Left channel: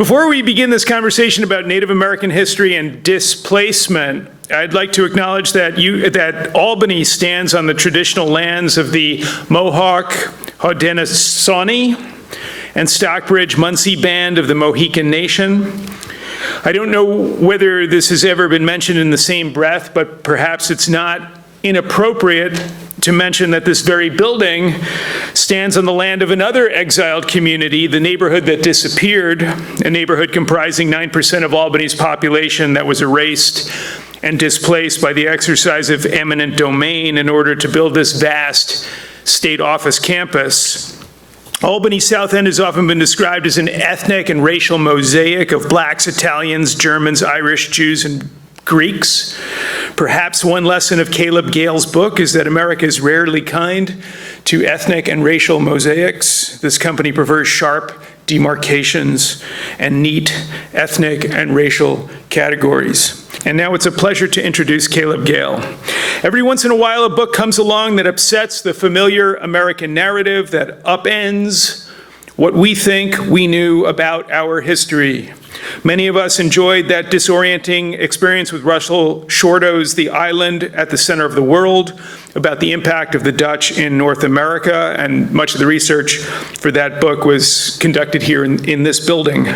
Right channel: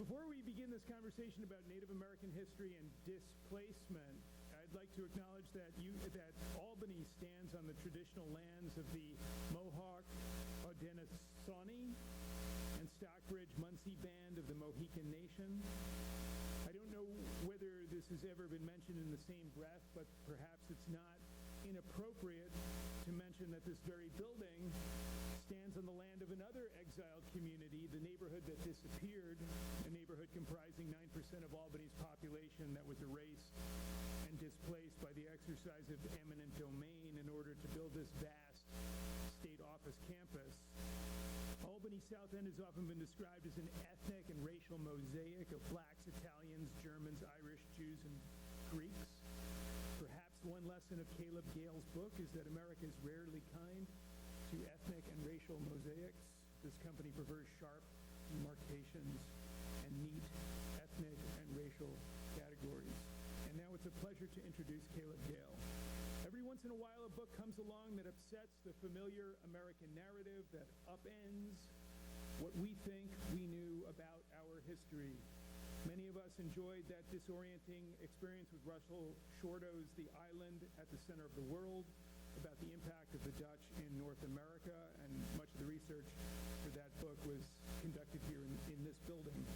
Before we begin this conversation about Native American history and displacement, I'd like to acknowledge that Albany stands on the traditional lands of the Mohawk, Haudenosaunee, and Stockbridge Munsee Band of the Mohican Nation. I don't know whether this has ever been mentioned in the same breath, but perhaps it's not inappropriate to mention that this very building stands on the land of another exiled community, the neighborhood that disappeared, a neighborhood comprising 9% of Albany's population that was erased and displaced by the exercise of eminent domain in order to build this vast state office campus. Albany South End has often been described as an ethnic and racial mosaic of blacks, Italians, Germans, Irish, Jews, and Greeks. Perhaps one lesson of Caleb Gayle's book is that America is rarely kind to ethnic and racial mosaics. This company prefers sharp demarcations and neat ethnic and racial categories. And now it's a pleasure to introduce Caleb Gayle. Every once in a while, a book comes along that upsets the familiar American narrative, that upends what we think we knew about our history. Many of us enjoyed that disorienting experience with Russell Shorto's The Island at the Center of the World, about the impact of the Dutch in North America, and much of the research for that book was conducted here in this building.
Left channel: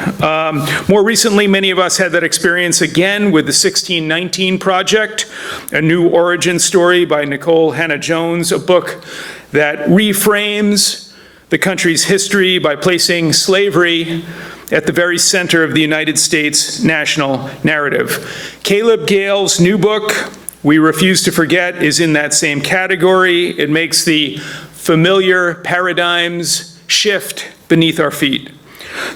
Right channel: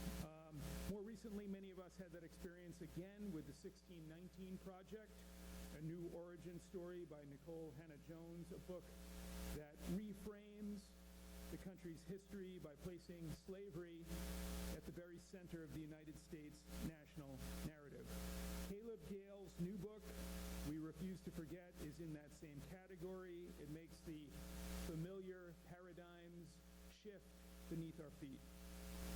More recently, many of us had that experience again with the 1619 Project, a new origin story by Nicole Hannah-Jones, a book that reframes the country's history by placing slavery at the very center of the United States national narrative. Caleb Gayle's new book, We Refuse to Forget, is in that same category. It makes the familiar paradigms shift beneath our feet.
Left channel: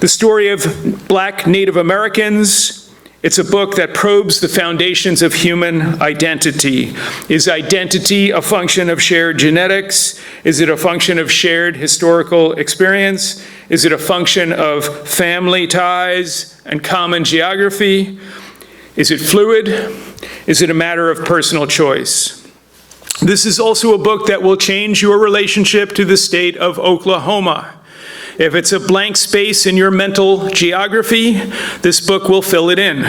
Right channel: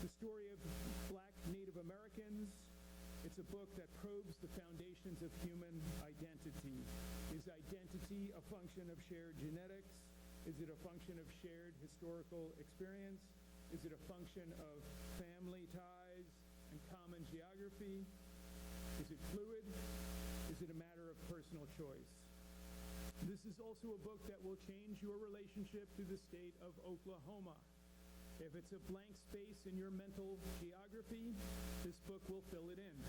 The story of Black Native Americans, it's a book that probes the foundations of human identity. Is identity a function of shared genetics? Is it a function of shared historical experience? Is it a function of family ties and common geography? Is it fluid? Is it a matter of personal choice? This is also a book that will change your relationship to the state of Oklahoma. If it's a blank space in your mental geography, this book will fill it in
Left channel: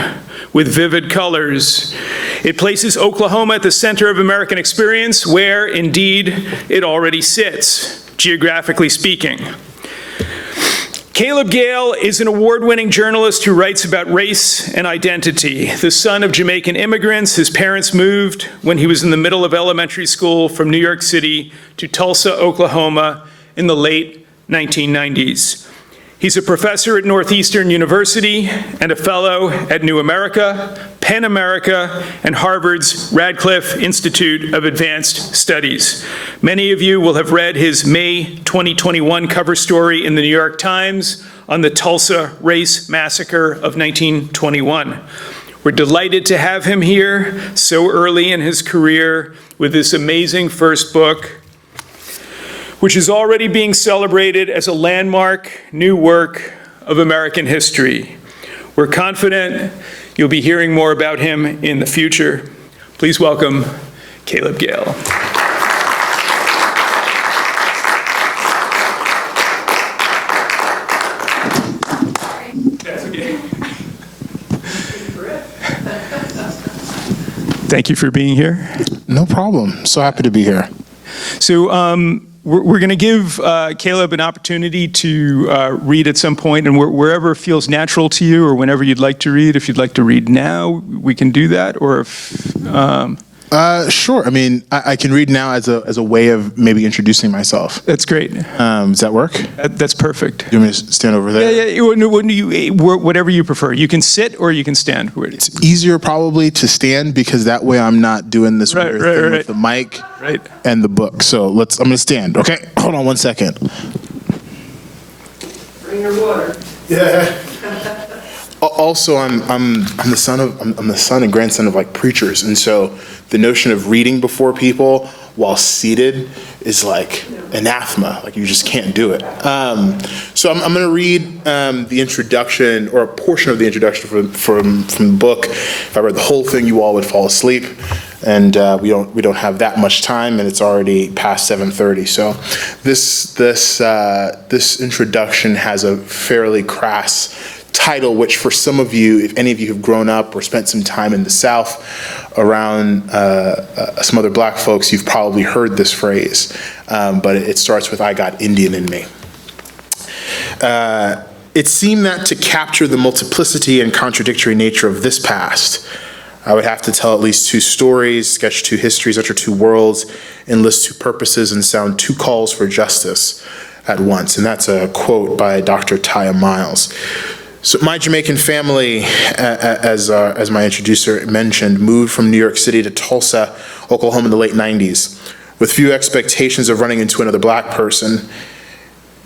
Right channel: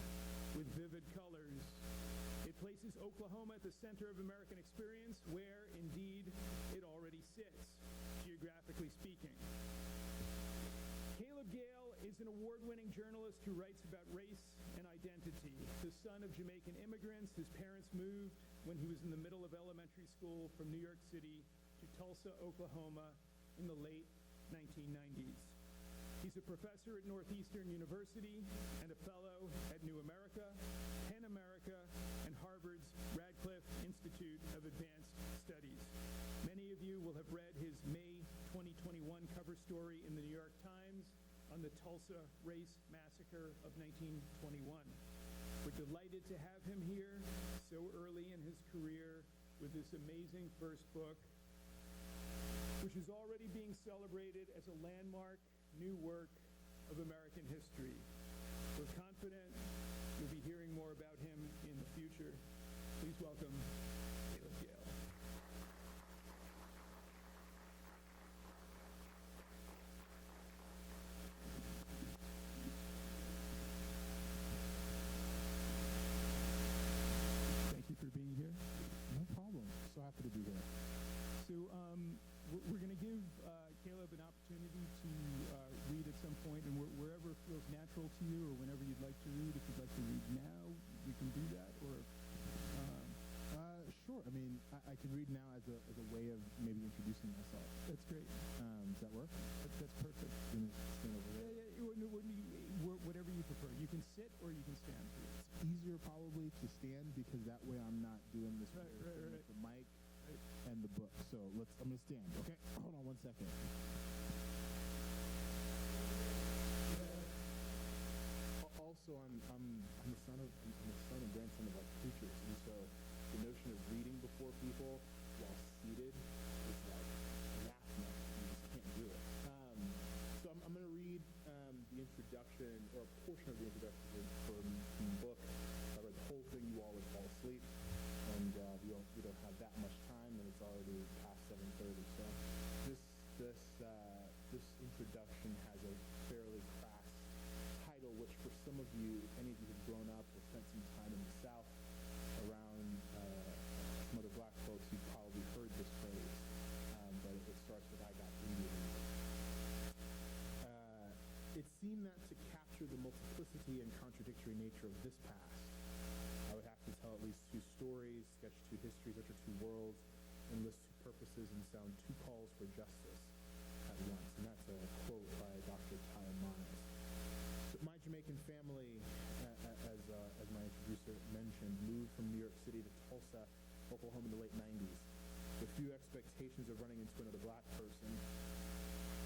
with vivid colors. It places Oklahoma at the center of American experience, where, indeed, it already sits, geographically speaking. Caleb Gayle is an award-winning journalist who writes about race and identity. The son of Jamaican immigrants, his parents moved when he was in the middle of elementary school from New York City to Tulsa, Oklahoma in the late 1990s. He's a professor at Northeastern University and a fellow at New America, Penn America, and Harvard's Radcliffe Institute of Advanced Studies. Many of you will have read his May 2021 cover story in the New York Times on the Tulsa Race Massacre of 1921. We're delighted to have him here so early in his career with this amazing first book, which is already being celebrated as a landmark new work of American history. We're confident you'll be hearing more about him in the future. Please welcome Caleb Gayle. Thank you for being here. No problem. So happy to be here. So, we're going to give Caleb an opportunity to read at some point, and wherever feels natural to you or whenever you'd like to read. If you'd like to read now, we can do that, or if... Sure. I mean, I can read now as a way of maybe introducing myself. That's great. Does that work? That's perfect. You want me to stand over there? Yeah, whatever you prefer. You can sit or you can stand. It's easier probably to stand because that way I'm not doing this weird thing with the mic and the book. So I'm going to stand. Okay. Hold on one second. Bring your water. Yeah. Also, I'm the son and grandson of like preachers, and so the notion of reading before people while seated is like anathema. Like you just can't do it. So I'm going to read the introduction or a portion of the introduction from the book. If I read the whole thing, you all would fall asleep, and we don't have that much time, and it's already past 7:30. So this introduction has a fairly crass title, which for some of you, if any of you have grown up or spent some time in the South around some other black folks, you've probably heard this phrase, but it starts with, "I got Indian in me." It seemed that to capture the multiplicity and contradictory nature of this past, I would have to tell at least two stories, sketch two histories, utter two worlds, enlist two purposes, and sound two calls for justice at once. And that's a quote by Dr. Taya Miles. So my Jamaican family, as my introducer mentioned, moved from New York City to Tulsa, Oklahoma in the late 90s, with few expectations of running into another black person.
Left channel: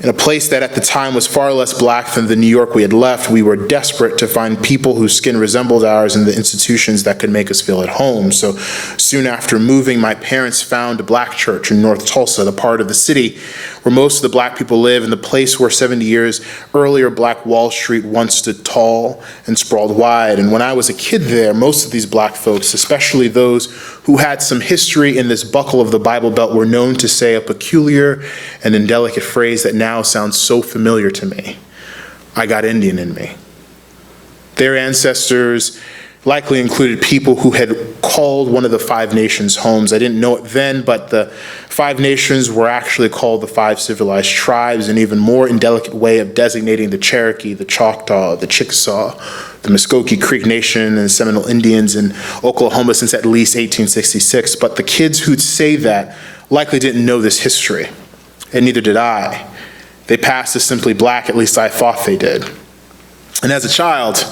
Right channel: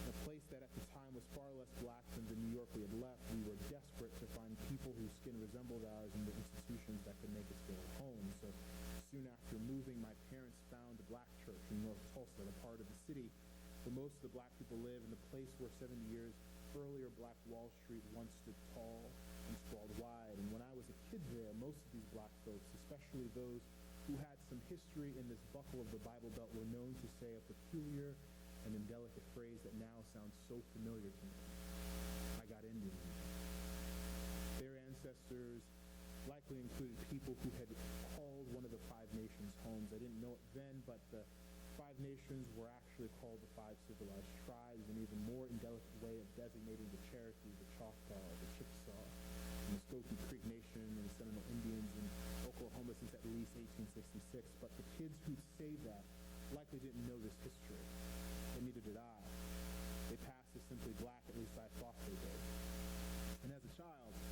In a place that at the time was far less black than the New York we had left, we were desperate to find people whose skin resembled ours in the institutions that could make us feel at home. So soon after moving, my parents found a black church in North Tulsa, the part of the city where most of the black people live, and the place where 70 years earlier Black Wall Street once stood tall and sprawled wide. And when I was a kid there, most of these black folks, especially those who had some history in this buckle of the Bible Belt, were known to say a peculiar and indelicate phrase that now sounds so familiar to me: "I got Indian in me." Their ancestors likely included people who had called one of the five nations homes. I didn't know it then, but the five nations were actually called the five civilized tribes, an even more indelicate way of designating the Cherokee, the Choctaw, the Chickasaw, the Muskogee Creek Nation, and Seminole Indians in Oklahoma since at least 1866. But the kids who'd say that likely didn't know this history, and neither did I. They passed as simply black, at least I thought they did. And as a child,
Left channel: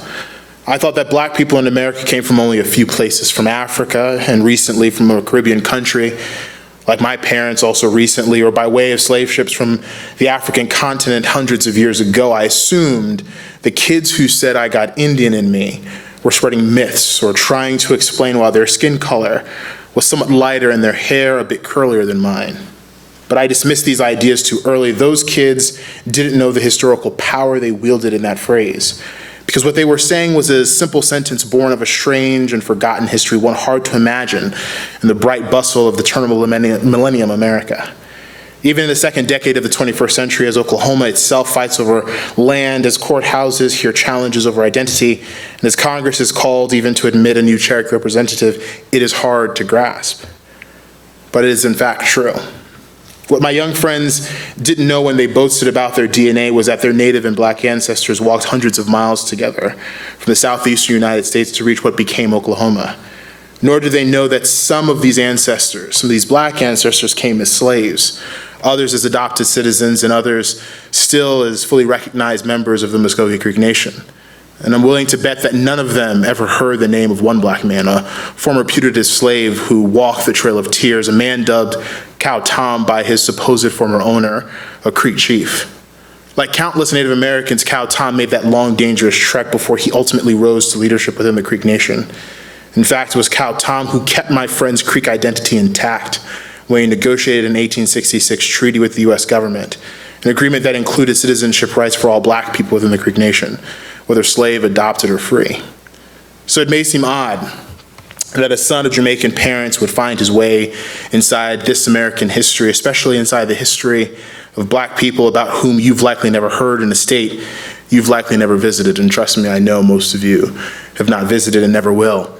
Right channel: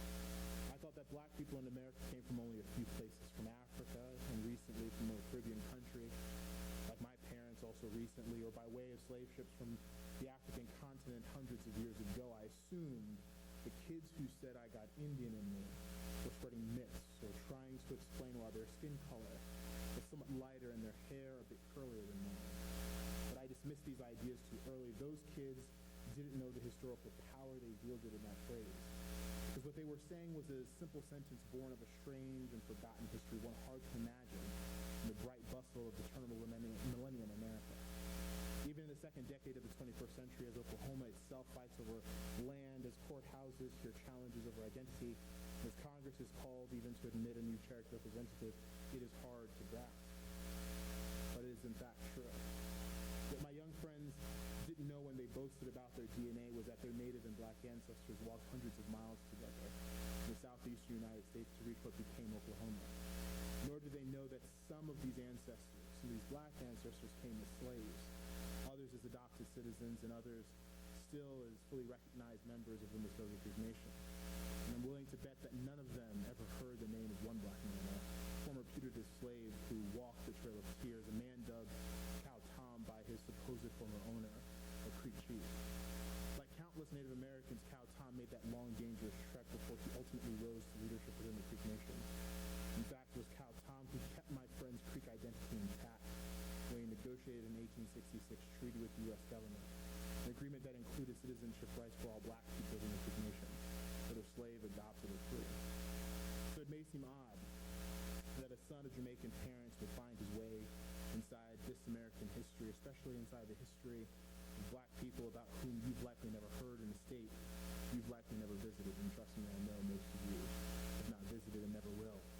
I thought that black people in America came from only a few places, from Africa and recently from a Caribbean country, like my parents also recently, or by way of slave ships from the African continent hundreds of years ago. I assumed the kids who said "I got Indian in me" were spreading myths or trying to explain why their skin color was somewhat lighter and their hair a bit curlier than mine. But I dismissed these ideas too early. Those kids didn't know the historical power they wielded in that phrase, because what they were saying was a simple sentence born of a strange and forgotten history, one hard to imagine in the bright bustle of the turn of millennium America. Even in the second decade of the 21st century, as Oklahoma itself fights over land, as courthouses hear challenges over identity, and as Congress is called even to admit a new Cherokee representative, it is hard to grasp. But it is in fact true. What my young friends didn't know when they boasted about their DNA was that their Native and black ancestors walked hundreds of miles together from the southeastern United States to reach what became Oklahoma. Nor did they know that some of these ancestors, some of these black ancestors, came as slaves, others as adopted citizens, and others still as fully recognized members of the Muskogee Creek Nation. And I'm willing to bet that none of them ever heard the name of one black man, a former putative slave who walked the Trail of Tears, a man dubbed Cow Tom by his supposed former owner, a Creek chief. Like countless Native Americans, Cow Tom made that long, dangerous trek before he ultimately rose to leadership within the Creek Nation. In fact, it was Cow Tom who kept my friend's Creek identity intact when he negotiated an 1866 treaty with the U.S. government, an agreement that included citizenship rights for all black people within the Creek Nation, whether slave, adopted, or free. So it may seem odd that a son of Jamaican parents would find his way inside this American history, especially inside the history of black people about whom you've likely never heard in a state you've likely never visited. And trust me, I know most of you have not visited and never will.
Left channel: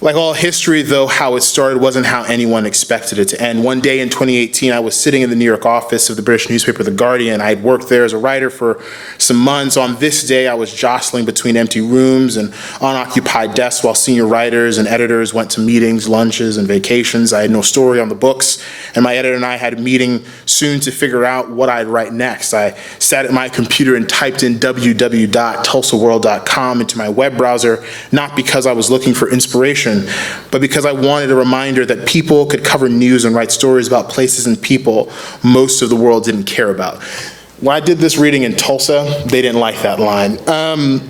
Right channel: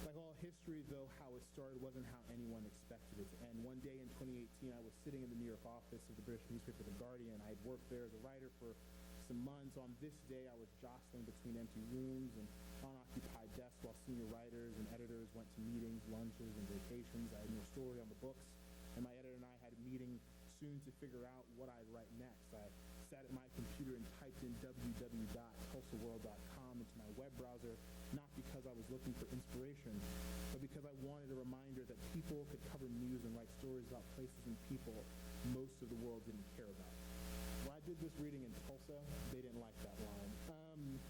Like all history, though, how it started wasn't how anyone expected it to end. One day in 2018, I was sitting in the New York office of the British newspaper The Guardian. I had worked there as a writer for some months. On this day, I was jostling between empty rooms and unoccupied desks while senior writers and editors went to meetings, lunches, and vacations. I had no story on the books, and my editor and I had a meeting soon to figure out what I'd write next. I sat at my computer and typed in www.tulsaworld.com into my web browser, not because I was looking for inspiration, but because I wanted a reminder that people could cover news and write stories about places and people most of the world didn't care about. When I did this reading in Tulsa, they didn't like that line.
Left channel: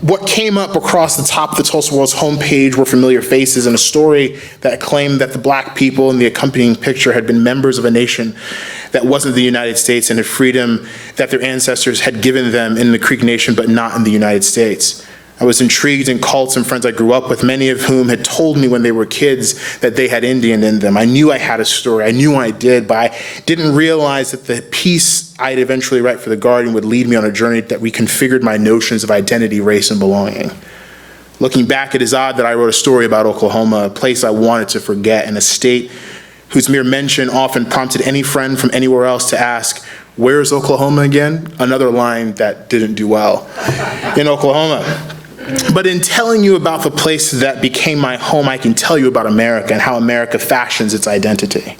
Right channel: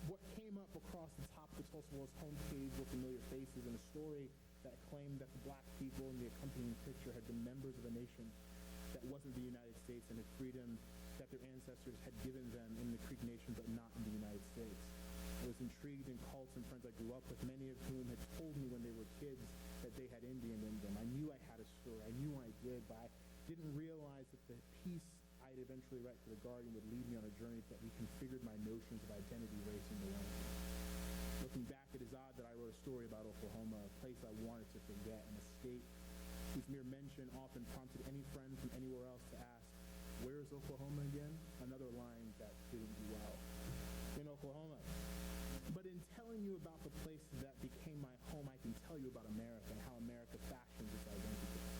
What came up across the top of the Tulsa World's homepage were familiar faces and a story that claimed that the black people in the accompanying picture had been members of a nation that wasn't the United States and had freedom that their ancestors had given them in the Creek Nation, but not in the United States. I was intrigued in cults and friends I grew up with, many of whom had told me when they were kids that they had Indian in them. I knew I had a story. I knew I did, but I didn't realize that the piece I'd eventually write for The Guardian would lead me on a journey that reconfigured my notions of identity, race, and belonging. Looking back, it is odd that I wrote a story about Oklahoma, a place I wanted to forget, and a state whose mere mention often prompted any friend from anywhere else to ask, "Where's Oklahoma again?" Another line that didn't do well. In Oklahoma. But in telling you about the place that became my home, I can tell you about America and how America fashions its identity.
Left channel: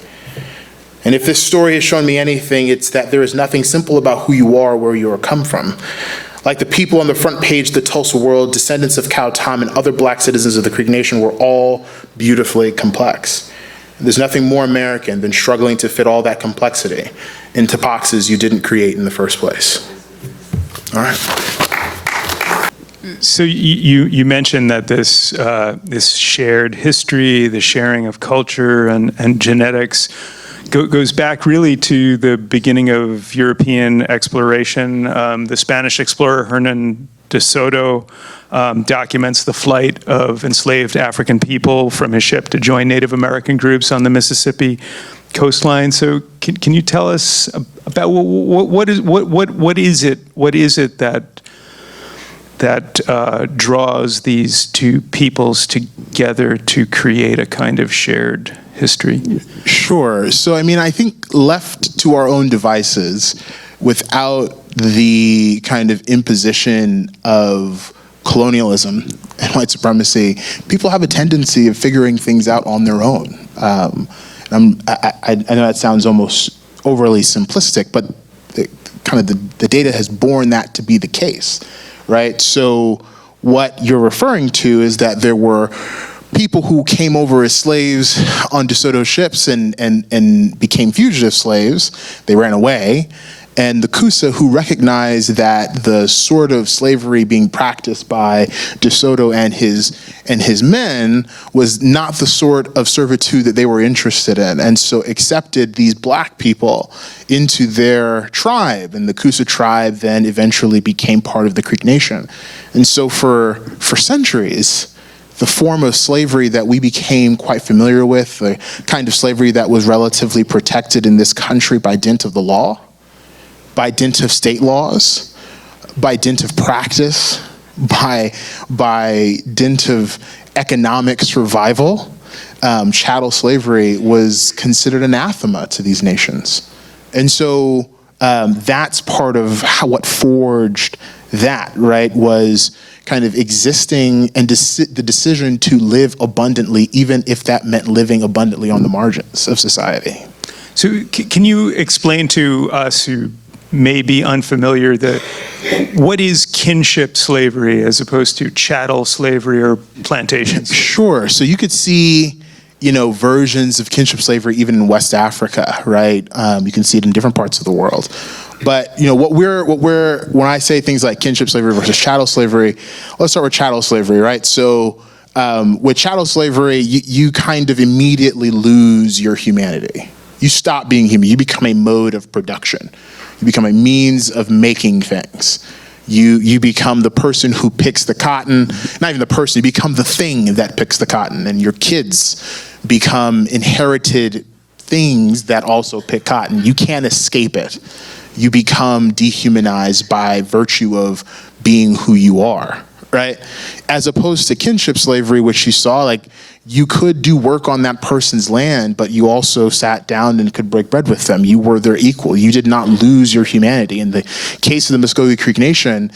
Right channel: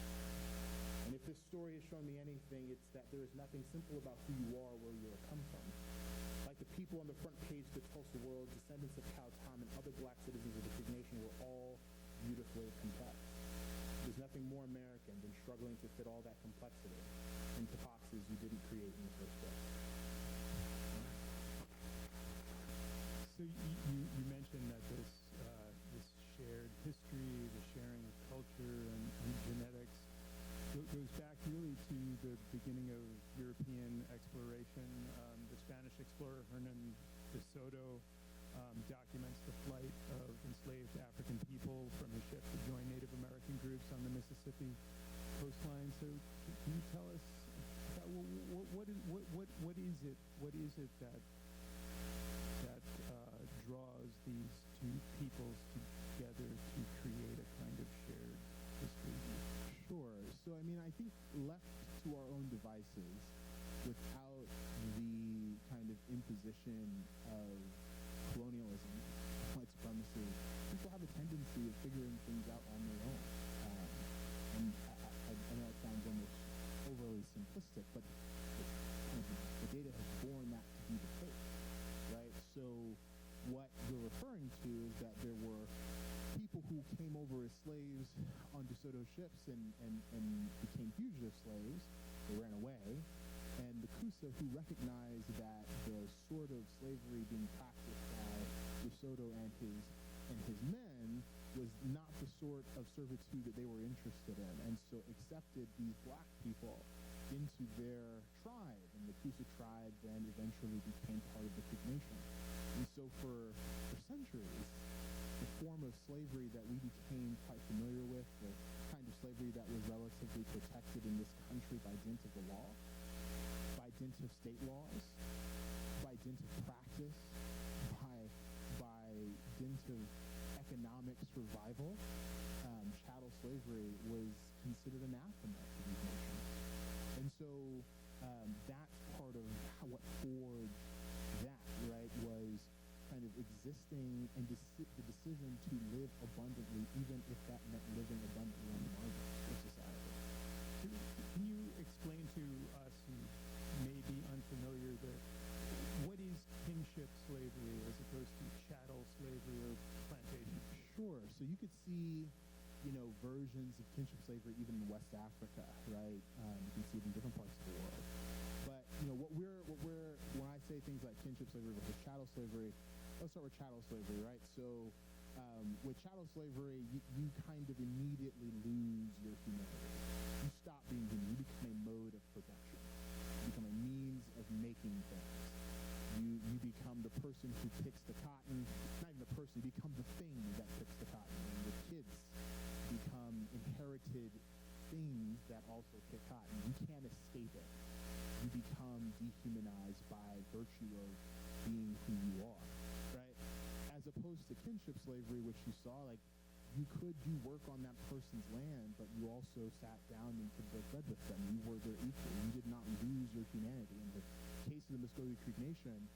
And if this story has shown me anything, it's that there is nothing simple about who you are or where you are come from. Like the people on the front page of the Tulsa World, descendants of Cow Tom and other black citizens of the Creek Nation were all beautifully complex. And there's nothing more American than struggling to fit all that complexity into boxes you didn't create in the first place. All right. So you mentioned that this shared history, the sharing of culture and genetics goes back really to the beginning of European exploration. The Spanish explorer Hernan de Soto documents the flight of enslaved African people from his ship to join Native American groups on the Mississippi coastline. So can you tell us about what is it that draws these two peoples together to create a kind of shared history? Sure. So, I mean, I think left to our own devices, without the kind of imposition of colonialism and white supremacy, people have a tendency of figuring things out on their own. I know that sounds almost overly simplistic, but the data has borne that to be the case. Right? So what you're referring to is that there were people who came over as slaves on DeSoto's ships and became fugitive slaves. They ran away. And the Kiese, who recognized that the sort of slavery being practiced by DeSoto and his men was not the sort of servitude that they were interested in, and so accepted these black people into their tribe. And the Kiese tribe then eventually became part of the Creek Nation. And so for centuries, the form of slavery that we became quite familiar with, the kind of slavery that was relatively protected in this country by dint of the law, by dint of state laws, by dint of practice, by dint of economic survival, chattel slavery was considered anathema to these nations. And so that's part of what forged that, right, was kind of existing and the decision to live abundantly, even if that meant living abundantly on the margins of society. So can you explain to us who may be unfamiliar what is kinship slavery as opposed to chattel slavery or plantations? Sure. So you could see, versions of kinship slavery even in West Africa, right? You can see it in different parts of the world. But when I say things like kinship slavery versus chattel slavery, let's start with chattel slavery, right? So with chattel slavery, you kind of immediately lose your humanity. You stop being human. You become a mode of production. You become a means of making things. You become the person who picks the cotton, not even the person, you become the thing that picks the cotton, and your kids become inherited things that also pick cotton. You can't escape it. You become dehumanized by virtue of being who you are, right? As opposed to kinship slavery, which you saw, like, you could do work on that person's land, but you also sat down and could break bread with them. You were their equal. You did not lose your humanity. In the case of the Muskogee Creek Nation,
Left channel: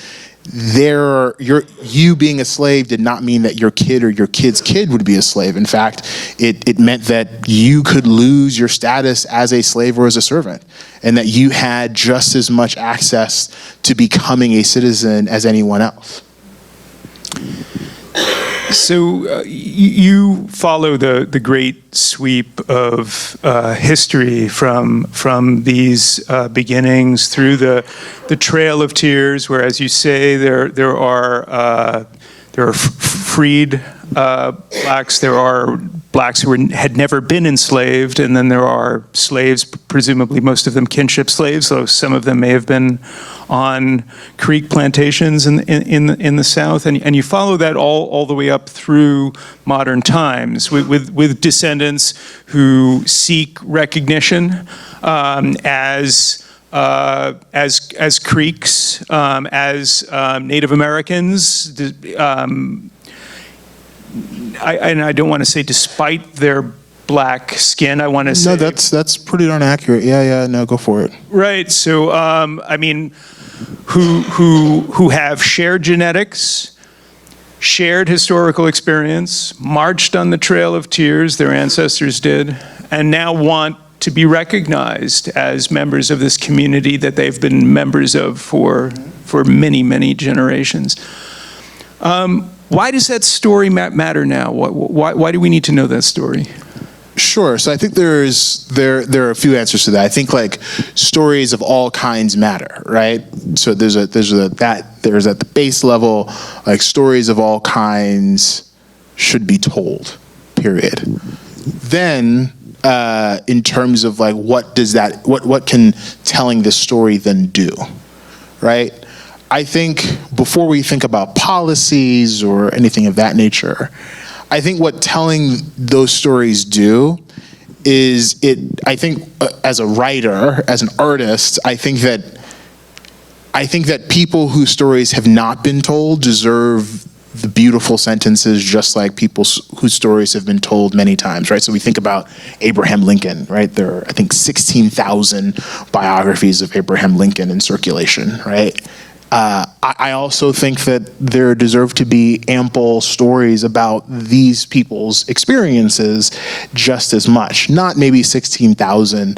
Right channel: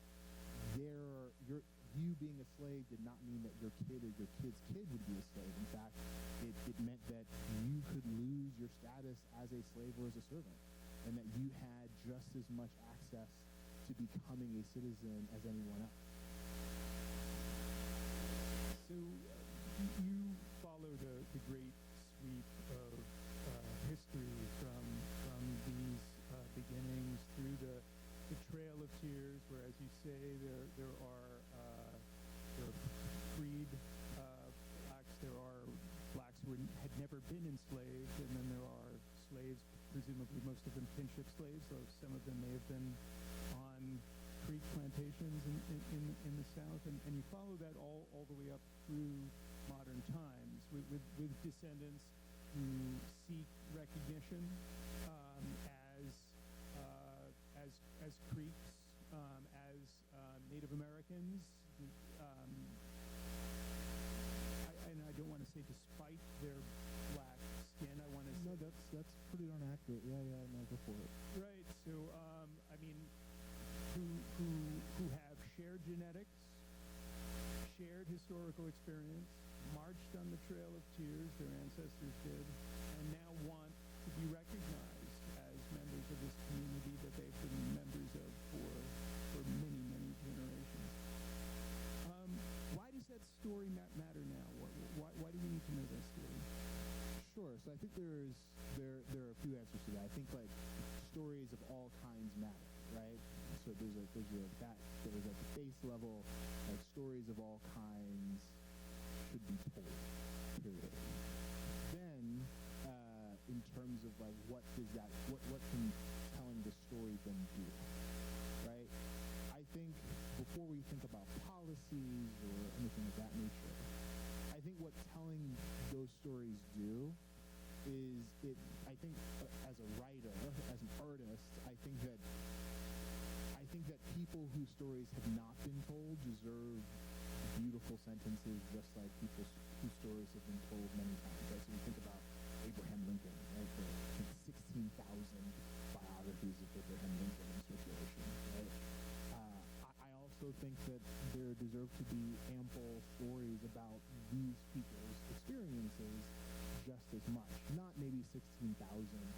you being a slave did not mean that your kid or your kid's kid would be a slave. In fact, it meant that you could lose your status as a slave or as a servant, and that you had just as much access to becoming a citizen as anyone else. So you follow the great sweep of history from these beginnings through the Trail of Tears, where, as you say, there are freed blacks, there are blacks who had never been enslaved, and then there are slaves, presumably most of them kinship slaves, though some of them may have been on Creek plantations in the South, and you follow that all the way up through modern times with descendants who seek recognition as Creeks, as Native Americans. I don't want to say despite their black skin. I want to say No, that's pretty darn accurate. Yeah. No, go for it. right. So who have shared genetics, shared historical experience, marched on the Trail of Tears, their ancestors did, and now want to be recognized as members of this community that they've been members of for many, many generations. Why does that story matter now? Why do we need to know that story? Sure. So I think there are a few answers to that. I think like stories of all kinds matter, right? So there's at the base level, like stories of all kinds should be told, period. Then in terms of like what can telling this story then do, right? I think before we think about policies or anything of that nature, I think what telling those stories do is I think as a writer, as an artist, I think that people whose stories have not been told deserve the beautiful sentences just like people whose stories have been told many times, right? So we think about Abraham Lincoln, right? There are, I think, 16,000 biographies of Abraham Lincoln in circulation, right? I also think that there deserve to be ample stories about these people's experiences just as much. Not maybe 16,000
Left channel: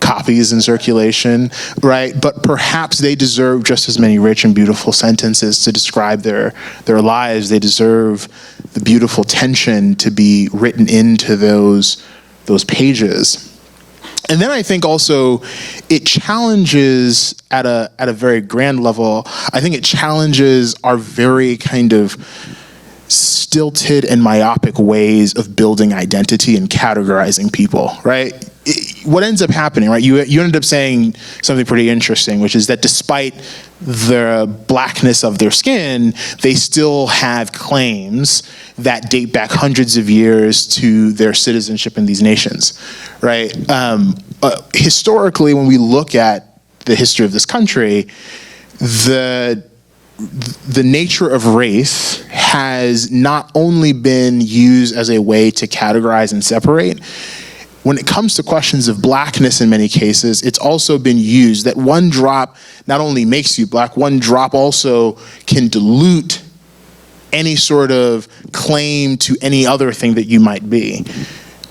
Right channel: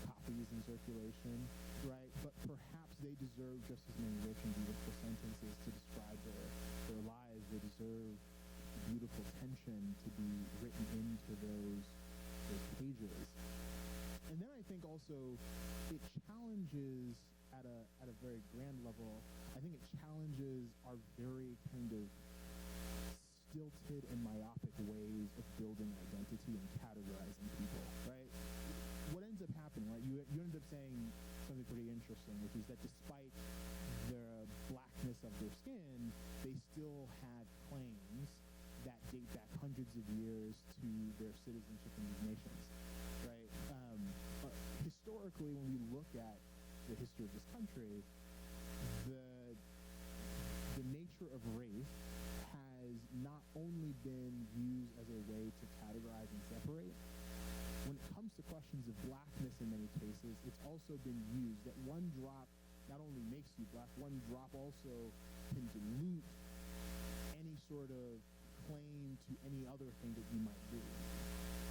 copies in circulation, right? But perhaps they deserve just as many rich and beautiful sentences to describe their lives. They deserve the beautiful tension to be written into those pages. And then I think also it challenges at a very grand level, I think it challenges our very kind of stilted and myopic ways of building identity and categorizing people, right? What ends up happening, right? You ended up saying something pretty interesting, which is that despite the blackness of their skin, they still have claims that date back hundreds of years to their citizenship in these nations, right? Historically, when we look at the history of this country, the nature of race has not only been used as a way to categorize and separate. When it comes to questions of blackness in many cases, it's also been used that one drop not only makes you black, one drop also can dilute any sort of claim to any other thing that you might be,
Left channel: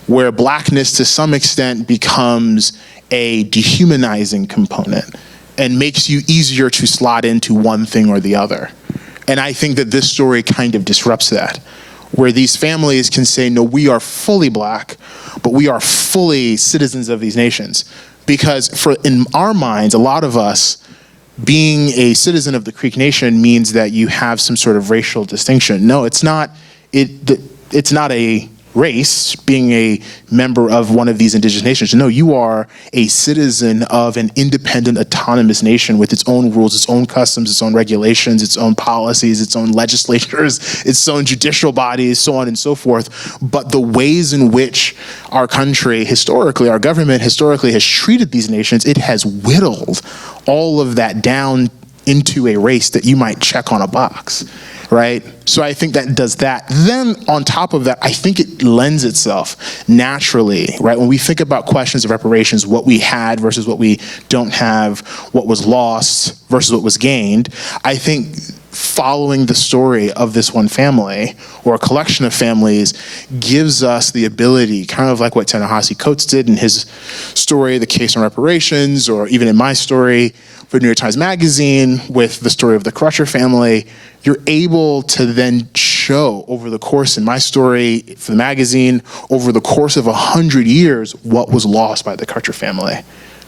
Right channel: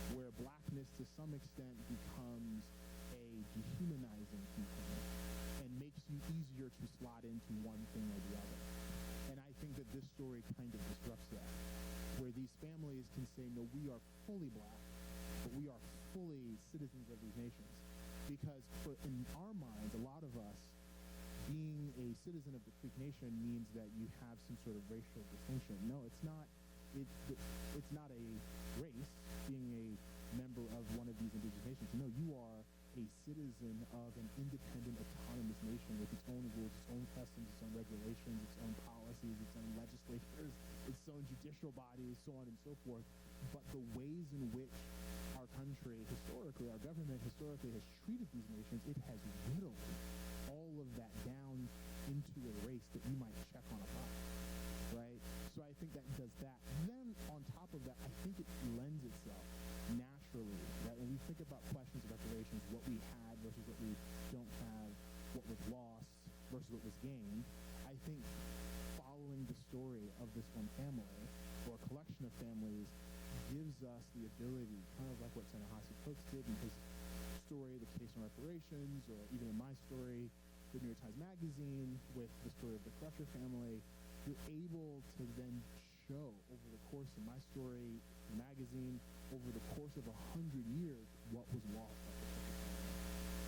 where blackness to some extent becomes a dehumanizing component and makes you easier to slot into one thing or the other. And I think that this story kind of disrupts that, where these families can say, no, we are fully black, but we are fully citizens of these nations. Because in our minds, a lot of us, being a citizen of the Creek Nation means that you have some sort of racial distinction. No, it's not. It's not a race, being a member of one of these indigenous nations. No, you are a citizen of an independent, autonomous nation with its own rules, its own customs, its own regulations, its own policies, its own legislatures, its own judicial bodies, so on and so forth. But the ways in which our country historically, our government historically has treated these nations, it has whittled all of that down into a race that you might check on a box. Right? So I think that does that. Then on top of that, I think it lends itself naturally, right? When we think about questions of reparations, what we had versus what we don't have, what was lost versus what was gained, I think following the story of this one family or a collection of families gives us the ability, kind of like what Ta-Nehisi Coates did in his story, The Case on Reparations, or even in my story for New York Times Magazine with the story of the Crutcher family. You're able to then show over the course, in my story for the magazine, over the course of 100 years, what was lost by the Crutcher family,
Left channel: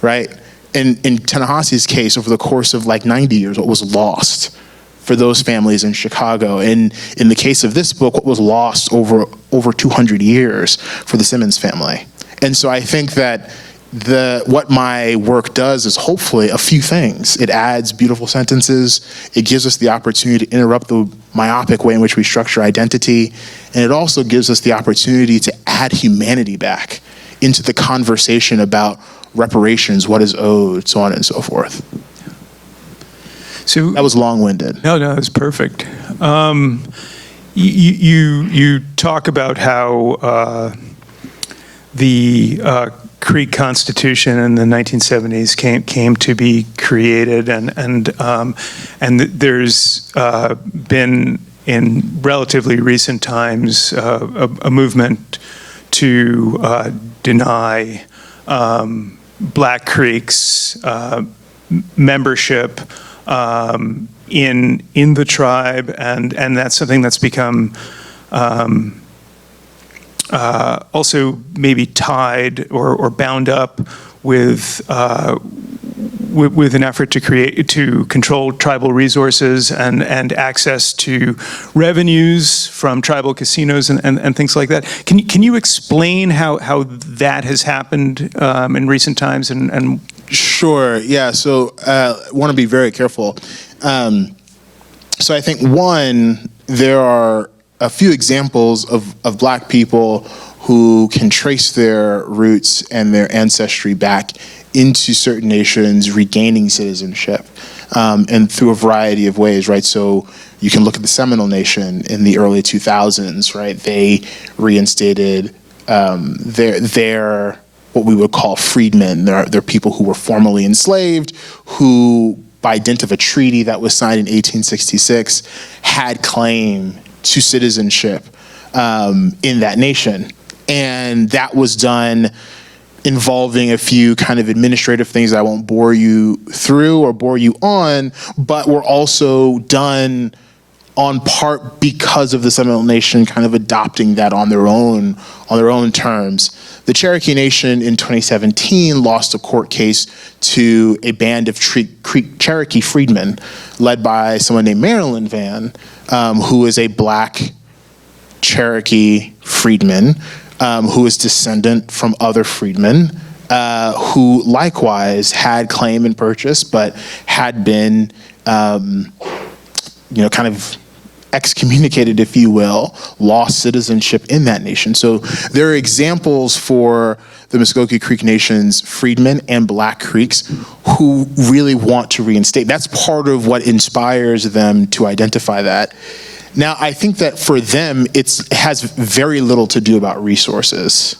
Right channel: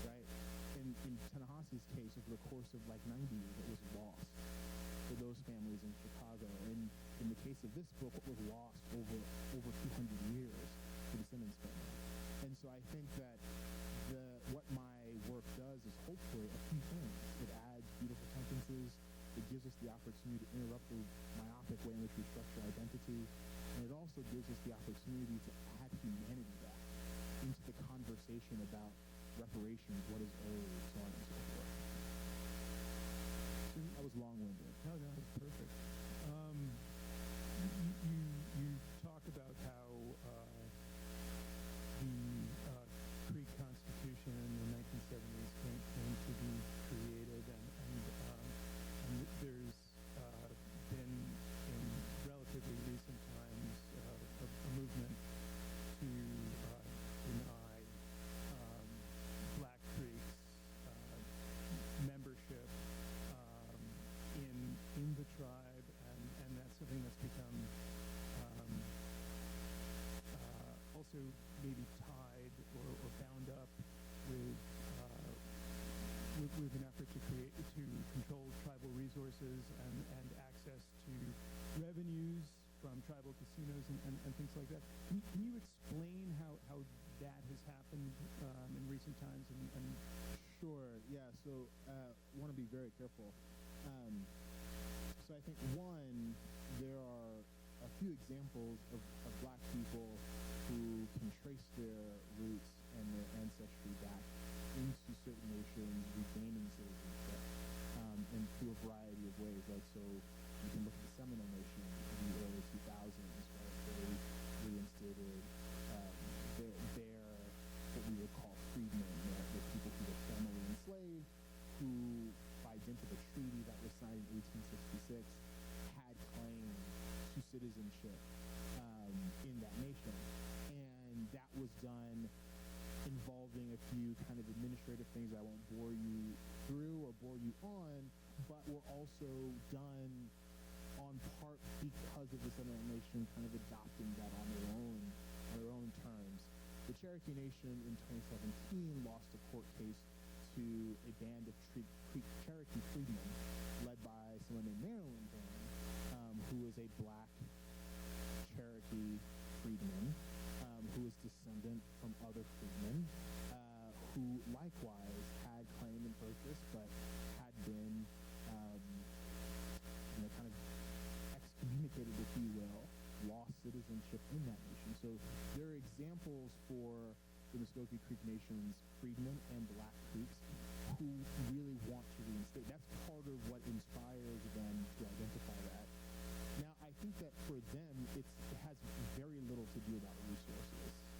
right? In Ta-Nehisi's case, over the course of like 90 years, what was lost for those families in Chicago. And in the case of this book, what was lost over 200 years for the Simmons family. And so I think that what my work does is hopefully a few things. It adds beautiful sentences. It gives us the opportunity to interrupt the myopic way in which we structure identity. And it also gives us the opportunity to add humanity back into the conversation about reparations, what is owed, so on and so forth. So That was long-winded. no, it's perfect. You talk about how the Creek Constitution in the 1970s came to be created, and there's been in relatively recent times a movement to deny Black Creek's membership in the tribe, and that's something that's become also maybe tied or bound up with an effort to control tribal resources and access to revenues from tribal casinos and things like that. Can you explain how that has happened in recent times and Sure, yeah, so I want to be very careful. So I think, one, there are a few examples of Black people who can trace their roots and their ancestry back into certain nations, regaining citizenship, and through a variety of ways, right? So you can look at the Seminole Nation in the early 2000s, right? They reinstated their what we would call freedmen. They're people who were formerly enslaved, who, by dint of a treaty that was signed in 1866, had claim to citizenship in that nation. And that was done involving a few kind of administrative things I won't bore you through or bore you on, but were also done on part because of the Seminole Nation kind of adopting that on their own terms. The Cherokee Nation in 2017 lost a court case to a band of Cherokee freedmen led by someone named Marilyn Van, who is a Black Cherokee freedman, who is descendant from other freedmen, who likewise had claim and purchase, but had been, kind of excommunicated, if you will, lost citizenship in that nation. So there are examples for the Muskogee Creek Nation's freedmen and Black Creeks who really want to reinstate. That's part of what inspires them to identify that. Now, I think that for them, it has very little to do about resources,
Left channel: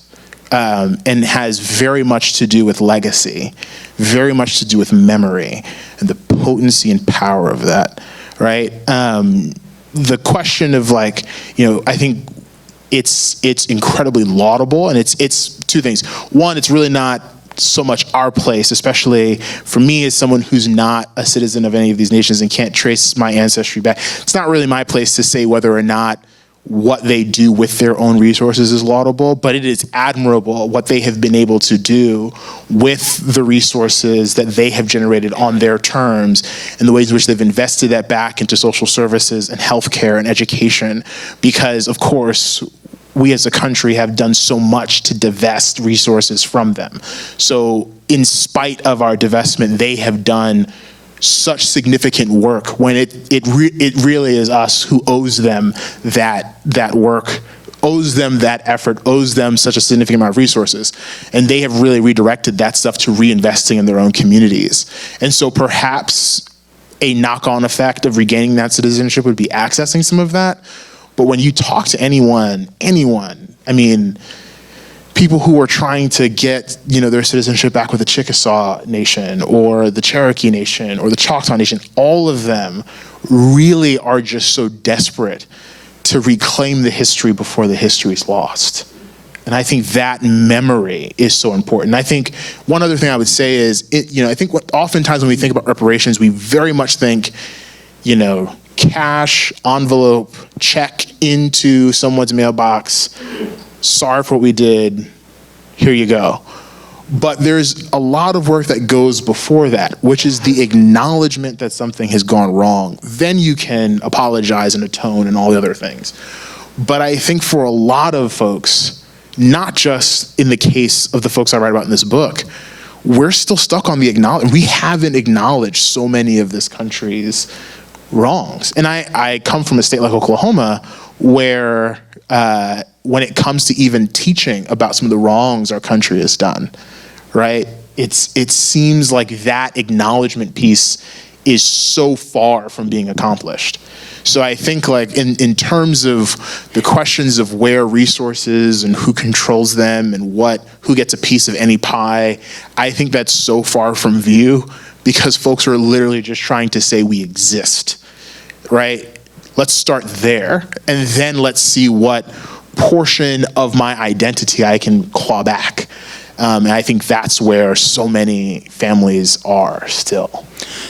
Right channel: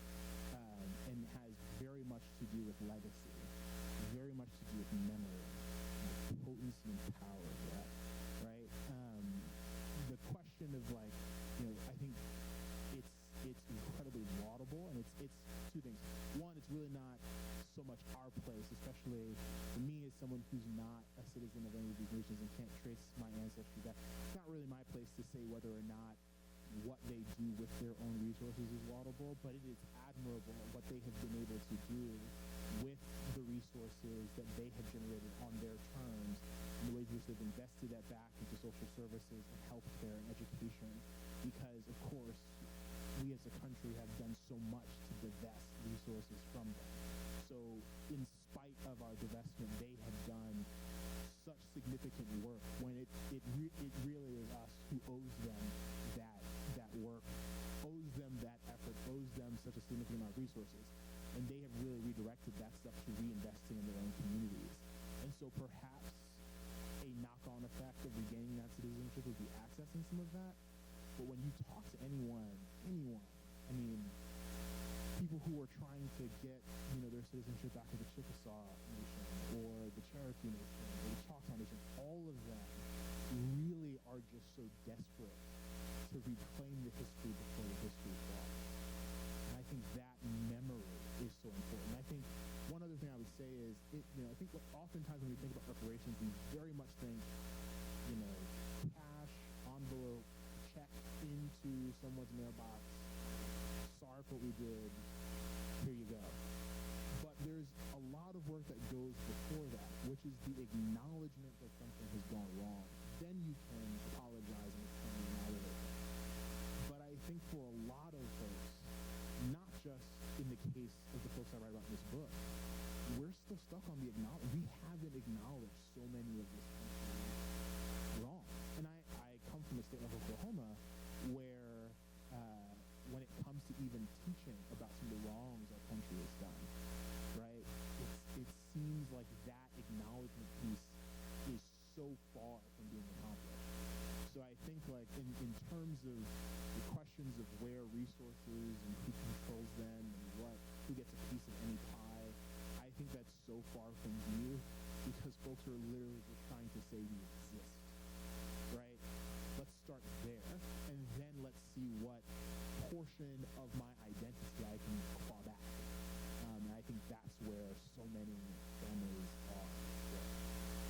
and has very much to do with legacy, very much to do with memory and the potency and power of that, right? The question of I think it's incredibly laudable, and it's two things. One, it's really not so much our place, especially for me as someone who's not a citizen of any of these nations and can't trace my ancestry back. It's not really my place to say whether or not what they do with their own resources is laudable, but it is admirable what they have been able to do with the resources that they have generated on their terms and the ways in which they've invested that back into social services and healthcare and education, because of course, we as a country have done so much to divest resources from them. So in spite of our divestment, they have done such significant work when it really is us who owes them that work, owes them that effort, owes them such a significant amount of resources. And they have really redirected that stuff to reinvesting in their own communities. And so perhaps a knock-on effect of regaining that citizenship would be accessing some of that. But when you talk to anyone, I mean, people who are trying to get, their citizenship back with the Chickasaw Nation or the Cherokee Nation or the Choctaw Nation, all of them really are just so desperate to reclaim the history before the history is lost. And I think that memory is so important. And I think one other thing I would say is, I think oftentimes when we think about reparations, we very much think, cash, envelope, check into someone's mailbox, sorry for what we did, here you go. But there's a lot of work that goes before that, which is the acknowledgement that something has gone wrong. Then you can apologize and atone and all the other things. But I think for a lot of folks, not just in the case of the folks I write about in this book, we're still stuck on we haven't acknowledged so many of this country's wrongs. And I come from a state like Oklahoma where when it comes to even teaching about some of the wrongs our country has done, right? It seems like that acknowledgement piece is so far from being accomplished. So I think like in terms of the questions of where resources and who controls them and who gets a piece of any pie, I think that's so far from view because folks are literally just trying to say we exist, right? Let's start there and then let's see what portion of my identity I can claw back. And I think that's where so many families are still.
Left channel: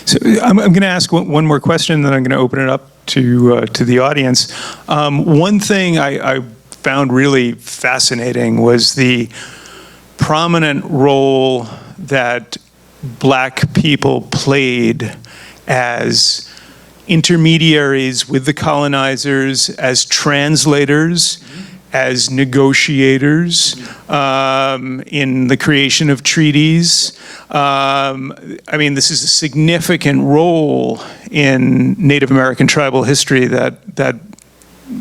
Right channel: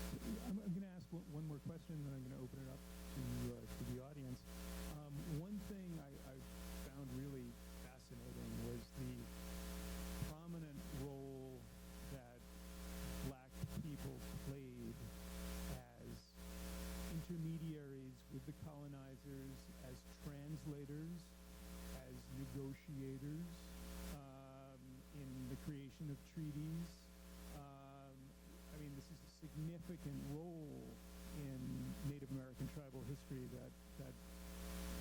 So I'm going to ask one more question, then I'm going to open it up to the audience. One thing I found really fascinating was the prominent role that Black people played as intermediaries with the colonizers, as translators, as negotiators in the creation of treaties. I mean, this is a significant role in Native American tribal history that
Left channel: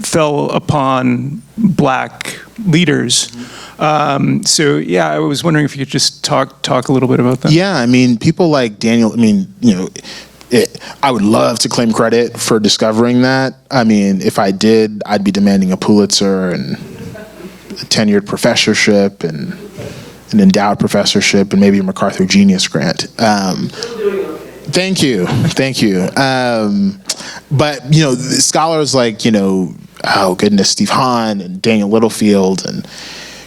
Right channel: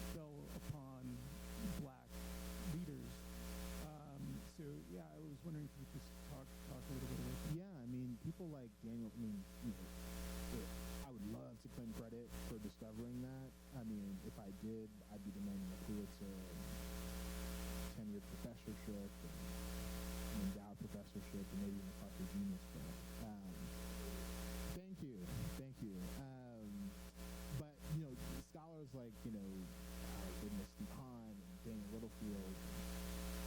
fell upon Black leaders. So yeah, I was wondering if you could just talk a little bit about that. Yeah, I mean, people like Daniel, I would love to claim credit for discovering that. I mean, if I did, I'd be demanding a Pulitzer and a tenured professorship and an endowed professorship and maybe a MacArthur Genius Grant. Thank you. But, scholars like, Steve Hahn and Daniel Littlefield and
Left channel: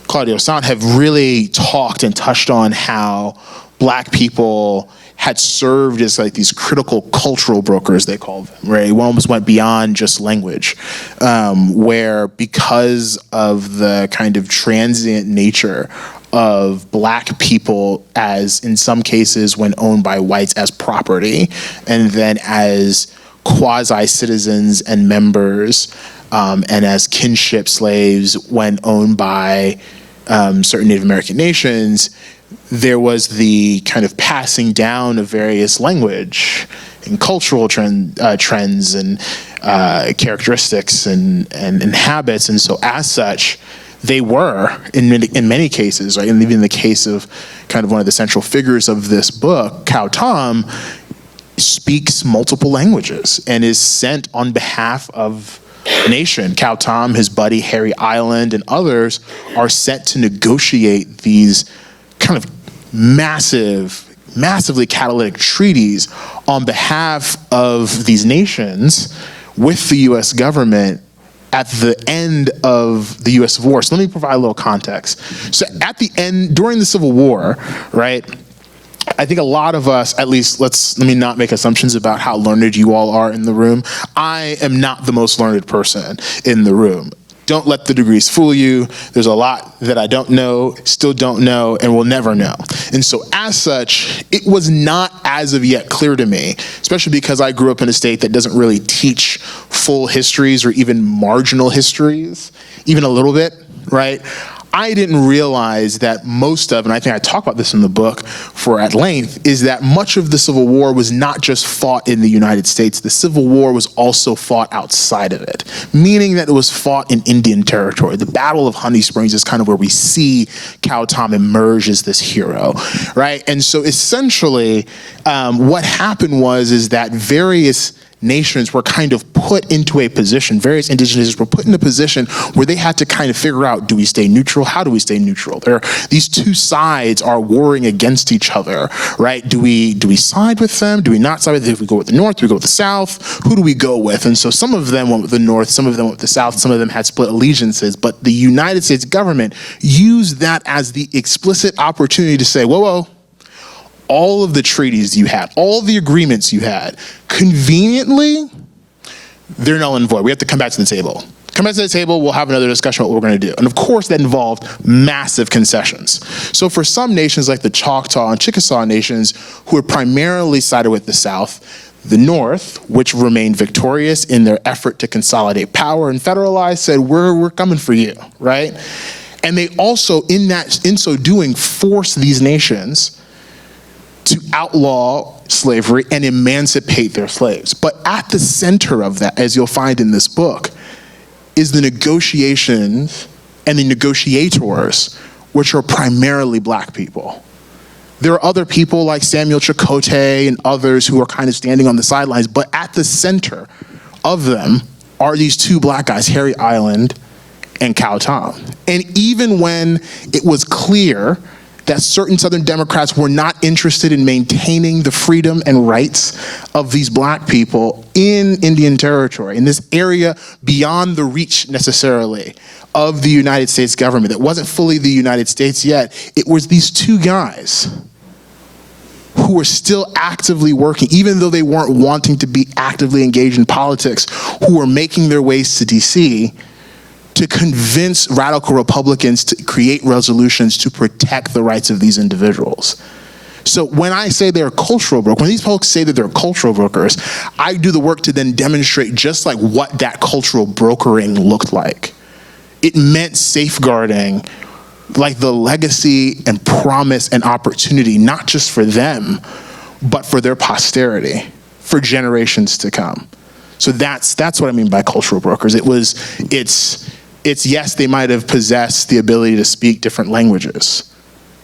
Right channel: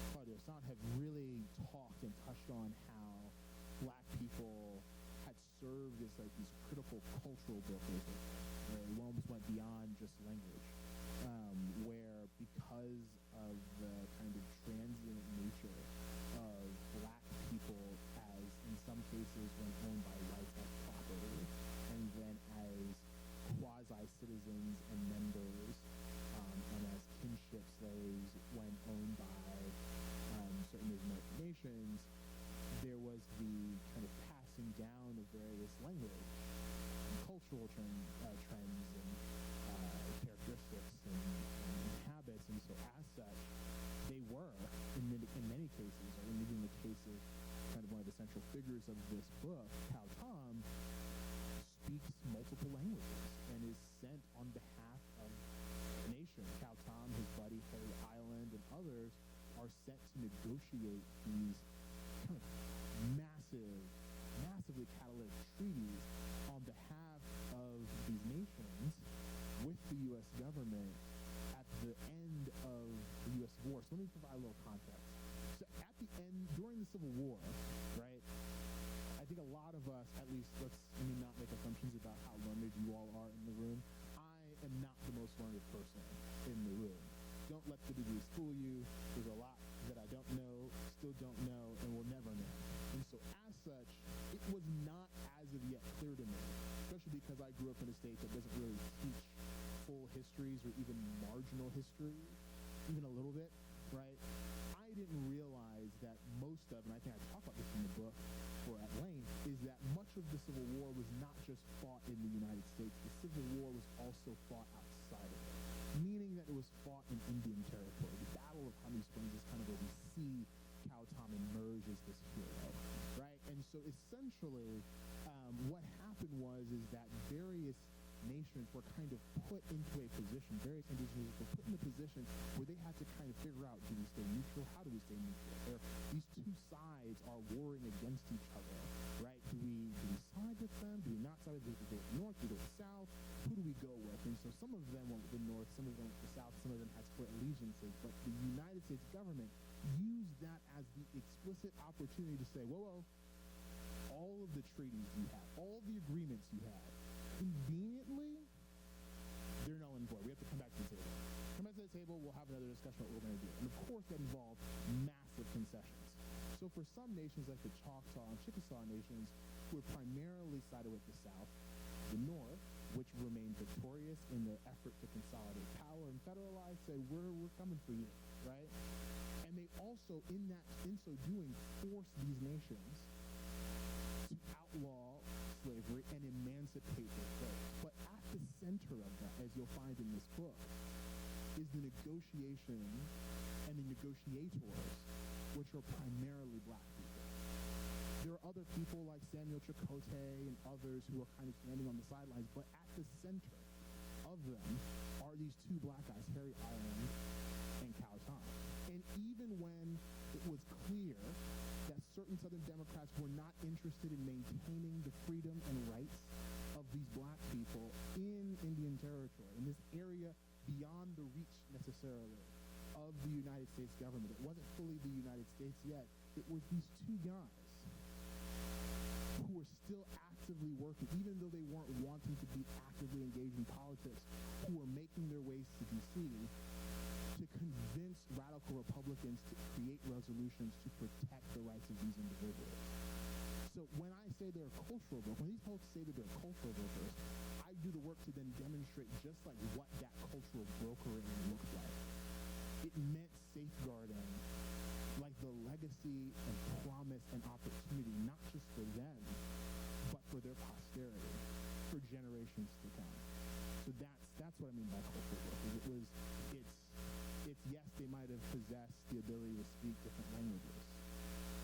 Claudio Sant have really talked and touched on how Black people had served as like these critical cultural brokers, they called them, right? It almost went beyond just language, where because of the kind of transient nature of Black people as, in some cases, when owned by whites as property, and then as quasi-citizens and members, and as kinship slaves when owned by certain Native American nations, there was the kind of passing down of various language and cultural trends and characteristics and habits. And so as such, they were, in many cases, right, and even in the case of kind of one of the central figures of this book, Cow Tom, speaks multiple languages and is sent on behalf of the nation. Cow Tom, his buddy Harry Island, and others are sent to negotiate these kind of massively catalytic treaties on behalf of these nations with the U.S. government at the end of the U.S. Civil War. So let me provide a little context. So at the end, during the Civil War, right, I think a lot of us, at least let me not make assumptions about how learned you all are in the room. I am not the most learned person in the room. Don't let the degrees fool you. There's a lot that I don't know, still don't know, and will never know. And so as such, it was not as of yet clear to me, especially because I grew up in a state that doesn't really teach full histories or even marginal histories, even a little bit, right? I didn't realize that most of, and I think I talk about this in the book at length, is that much of the Civil War was not just fought in the United States. The Civil War was also fought outside of it, meaning that it was fought in Indian territory. The Battle of Honey Springs is kind of where we see Cow Tom emerge as this hero, right? And so essentially, what happened is that various nations were kind of put into a position, various indigenous nations were put in a position where they had to kind of figure out, do we stay neutral? How do we stay neutral? These two sides are warring against each other, right? Do we side with them? Do we not side with them? Do we go with the North? Do we go with the South? Who do we go with? And so some of them went with the North, some of them went with the South, some of them had split allegiances, but the United States government used that as the explicit opportunity to say, whoa, all of the treaties you had, all the agreements you had, conveniently, they're null and void. We have to come back to the table. Come back to the table, we'll have another discussion about what we're going to do. And of course, that involved massive concessions. So for some nations like the Choctaw and Chickasaw nations, who had primarily sided with the South, the North, which remained victorious in their effort to consolidate power and federalize, said, we're coming for you, right? And they also, in so doing, force these nations to outlaw slavery and emancipate their slaves. But at the center of that, as you'll find in this book, is the negotiations and the negotiators, which are primarily black people. There are other people like Samuel Chakotay and others who are kind of standing on the sidelines, but at the center of them are these two black guys, Harry Island and Cow Tom. And even when it was clear that certain Southern Democrats were not interested in maintaining the freedom and rights of these black people in Indian Territory, in this area beyond the reach necessarily of the United States government, that wasn't fully the United States yet, it was these two guys who were still actively working, even though they weren't wanting to be actively engaged in politics, who were making their ways to DC to convince radical Republicans to create resolutions to protect the rights of these individuals. So when I say they're cultural brokers, when these folks say that they're cultural brokers, I do the work to then demonstrate just like what that cultural brokering looked like. It meant safeguarding like the legacy and promise and opportunity, not just for them, but for their posterity, for generations to come. So that's what I mean by cultural brokers. It's yes, they might have possessed the ability to speak different languages,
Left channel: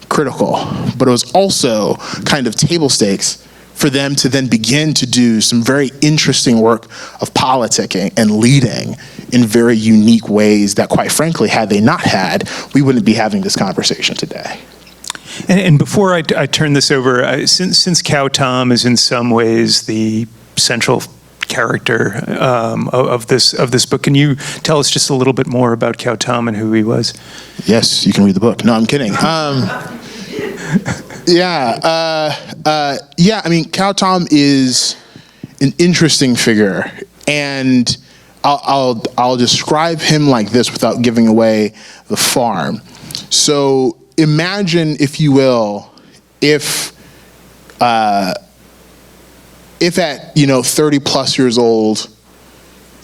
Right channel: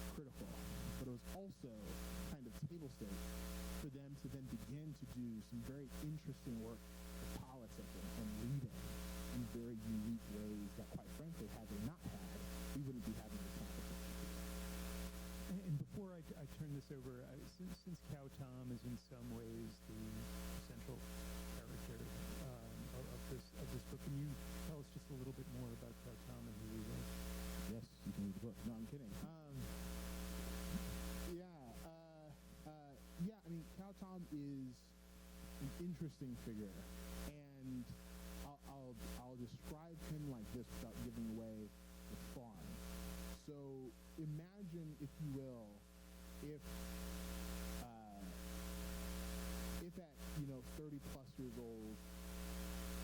critical, but it was also kind of table stakes for them to then begin to do some very interesting work of politicking and leading in very unique ways that, quite frankly, had they not had, we wouldn't be having this conversation today. And before I turn this over, since Cow Tom is in some ways the central character of this book, can you tell us just a little bit more about Cow Tom and who he was? Yes, you can read the book. No, I'm kidding. I mean, Cow Tom is an interesting figure, and I'll describe him like this without giving away the farm. So imagine, if you will, if at 30 plus years old,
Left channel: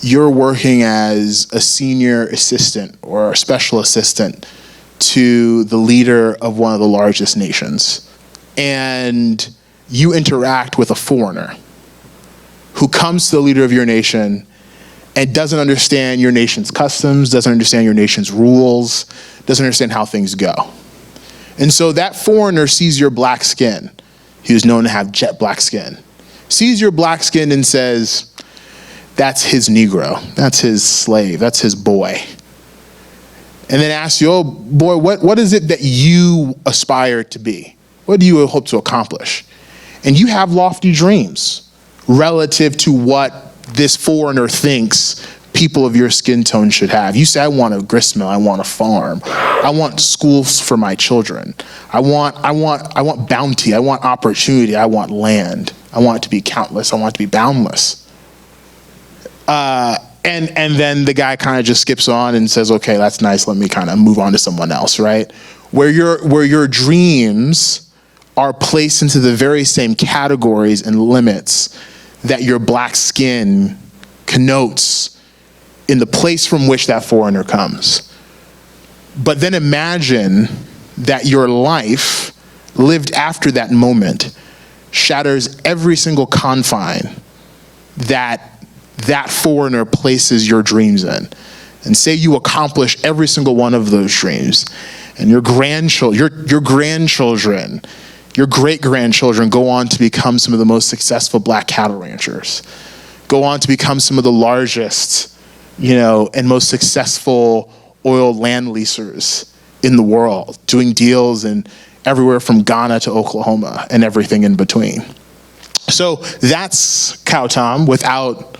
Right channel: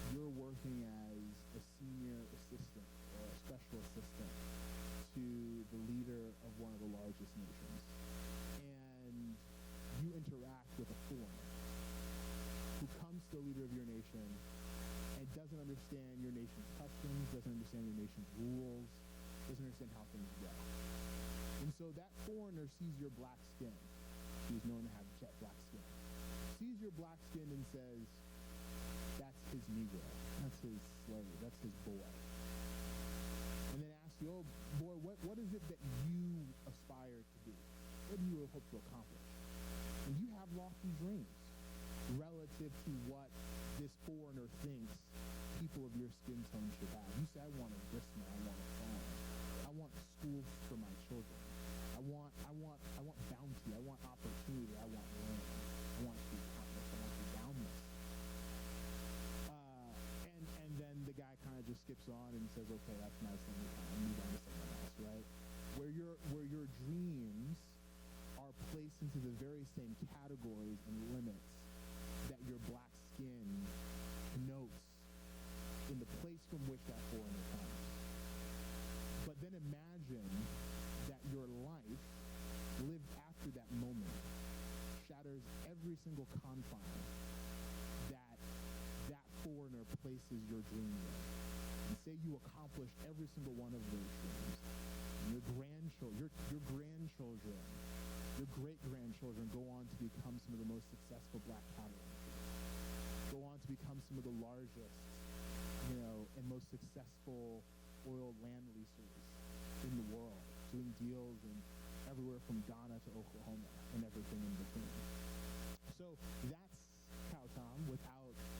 you're working as a senior assistant or a special assistant to the leader of one of the largest nations, and you interact with a foreigner who comes to the leader of your nation and doesn't understand your nation's customs, doesn't understand your nation's rules, doesn't understand how things go. And so that foreigner sees your black skin. He was known to have jet black skin. Sees your black skin and says, that's his Negro, that's his slave, that's his boy. And then asks you, oh boy, what is it that you aspire to be? What do you hope to accomplish? And you have lofty dreams relative to what this foreigner thinks people of your skin tone should have. You say, I want a gristmill, I want a farm, I want schools for my children, I want bounty, I want opportunity, I want land, I want it to be countless, I want it to be boundless. And then the guy kind of just skips on and says, okay, that's nice, let me kind of move on to someone else, right? Where your dreams are placed into the very same categories and limits that your black skin connotes in the place from which that foreigner comes. But then imagine that your life lived after that moment shatters every single confine that foreigner places your dreams in. And say you accomplish every single one of those dreams, and your grandchildren, your great-grandchildren go on to become some of the most successful black cattle ranchers, go on to become some of the largest, and most successful oil land leasers in the world, doing deals in everywhere from Ghana to Oklahoma and everything in between. So that's Cow Tom without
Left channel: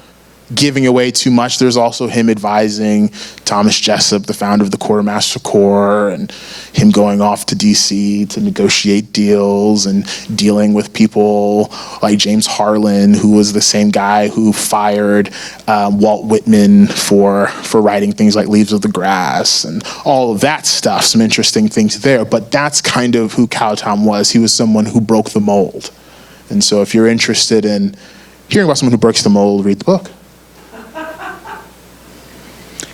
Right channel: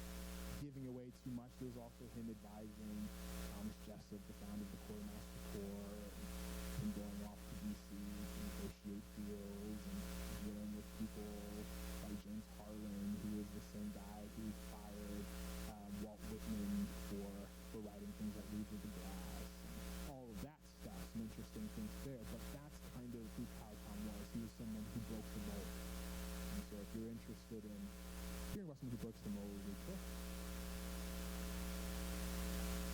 giving away too much. There's also him advising Thomas Jessup, the founder of the Quartermaster Corps, and him going off to DC to negotiate deals and dealing with people like James Harlan, who was the same guy who fired Walt Whitman for writing things like Leaves of the Grass and all of that stuff, some interesting things there. But that's kind of who Cow Tom was. He was someone who broke the mold. And so if you're interested in hearing about someone who breaks the mold, read the book.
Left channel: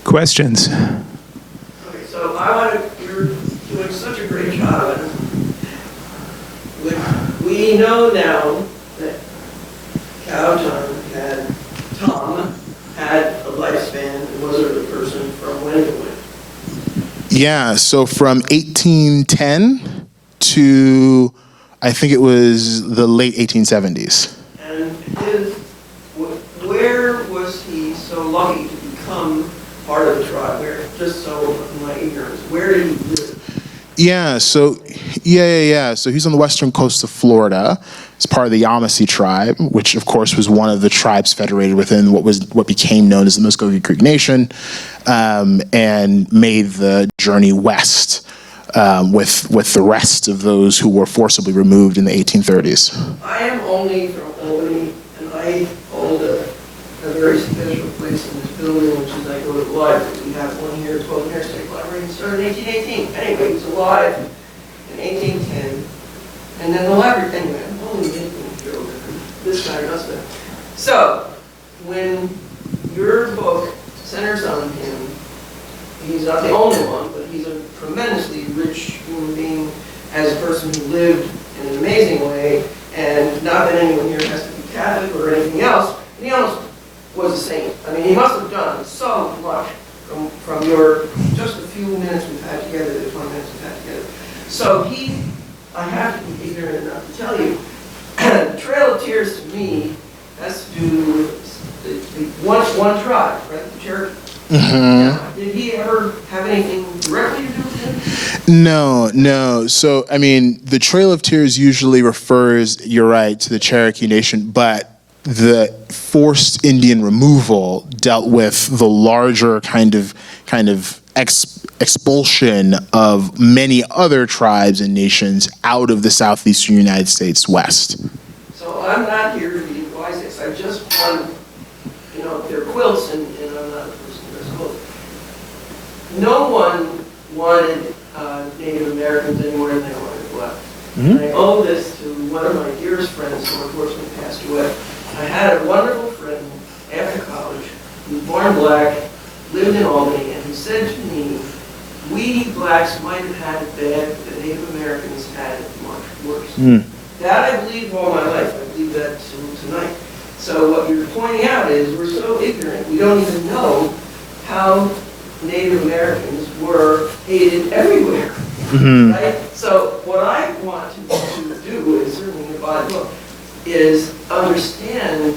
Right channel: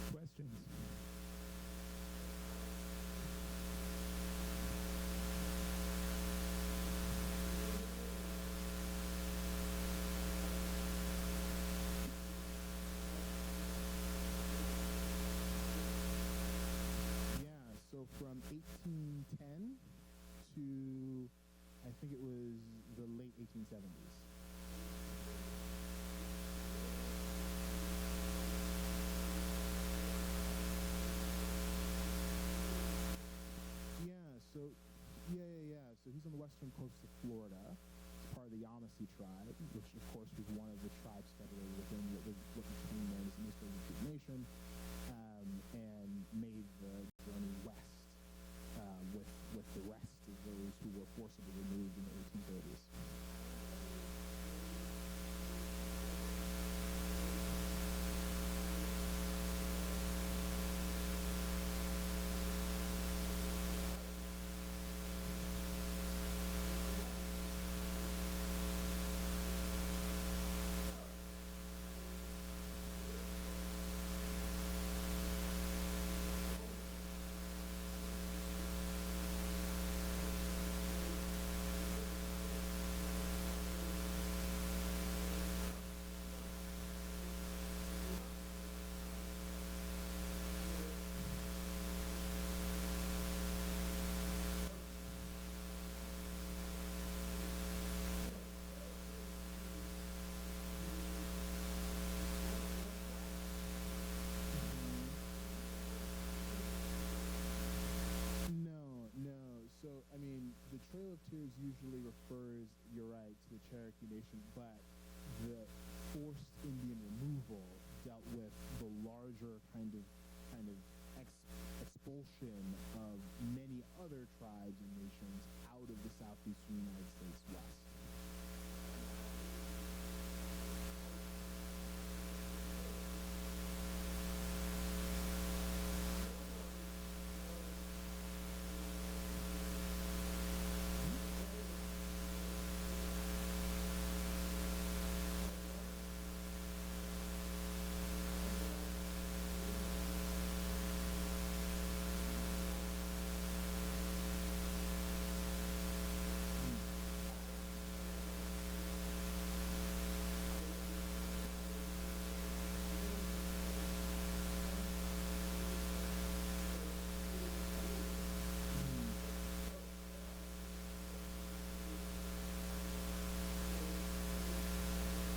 Questions? Okay, so I want to, you're we know now that Tom had a lifespan and was a person from when to when? Yeah, so from 1810 to, I think it was the late 1870s. And where was he so lucky to become part of the tribe? Where, just so in my ignorance, where did he live? So he's on the western coast of Florida. It's part of the Yamasee tribe, which of course was one of the tribes federated within what became known as the Muskogee Creek Nation, and made the journey west with the rest of those who were forcibly removed in the 1830s. I am only from Albany, and I hold a very special place in this building, which is I go to the library. We have one here at 12 Interstate Library. It started in 1818. Anyway, he was alive in 1810. And then the library, anyway, I'm only making a joke. This guy does that. So, when your book centers on him, he's not the only one, but he's a tremendously rich human being as a person who lived in an amazing way, and not that anyone here has to be Catholic or anything else, but he almost was a saint. I mean, he must have done so much from your, just a few minutes we've had together, the 20 minutes we've had together. So I have to be ignorant enough to tell you, Trail of Tears to me has to do with the one tribe, right, the Cherokee. Now, did he ever have anything directly to do with him? No. So, I mean, the Trail of Tears usually refers, you're right, to the Cherokee Nation, but the forced Indian removal dealt with the larger kind of expulsion of many other tribes and nations out of the southeastern United States west. So I'm not here to be advised. I just want, they're quilts, and I'm not a person who does quilts. No one wanted Native Americans any more than they wanted black. And I owe this to one of my dearest friends who unfortunately passed away. I had a wonderful friend after college who was born black, lived in Albany, and he said to me, we blacks might have had it bad, but the Native Americans had it much worse. That I believe all my life. I believe that still tonight. So what you're pointing out is we're so ignorant, we don't even know how Native Americans were hated everywhere. Right? So what I want to do, is certainly in my book, is understand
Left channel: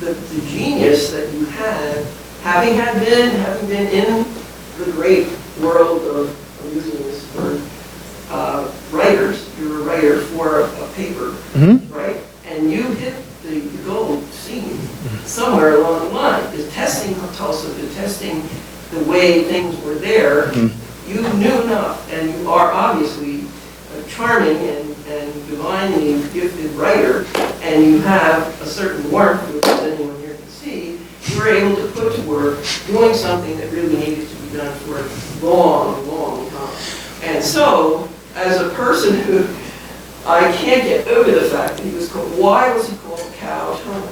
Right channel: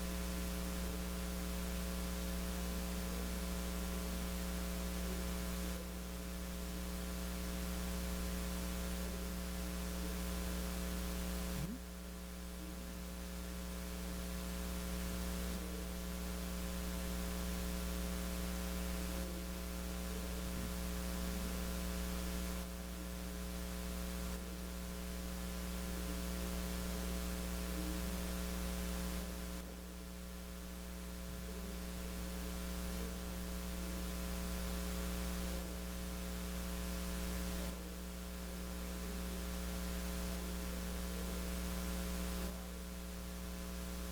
the genius that you had, having been in the great world of, I'm using this word, writers. You're a writer for a paper, right? And you hit the gold scene somewhere along the line. The testing of Tulsa, the testing the way things were there, you knew enough, and you are obviously a charming and divinely gifted writer, and you have a certain warmth, which anyone here can see. You were able to put to work doing something that really needed to be done for a long, long time. And so, as a person who, I can't get over the fact that he was called, why was he called Cow Tom?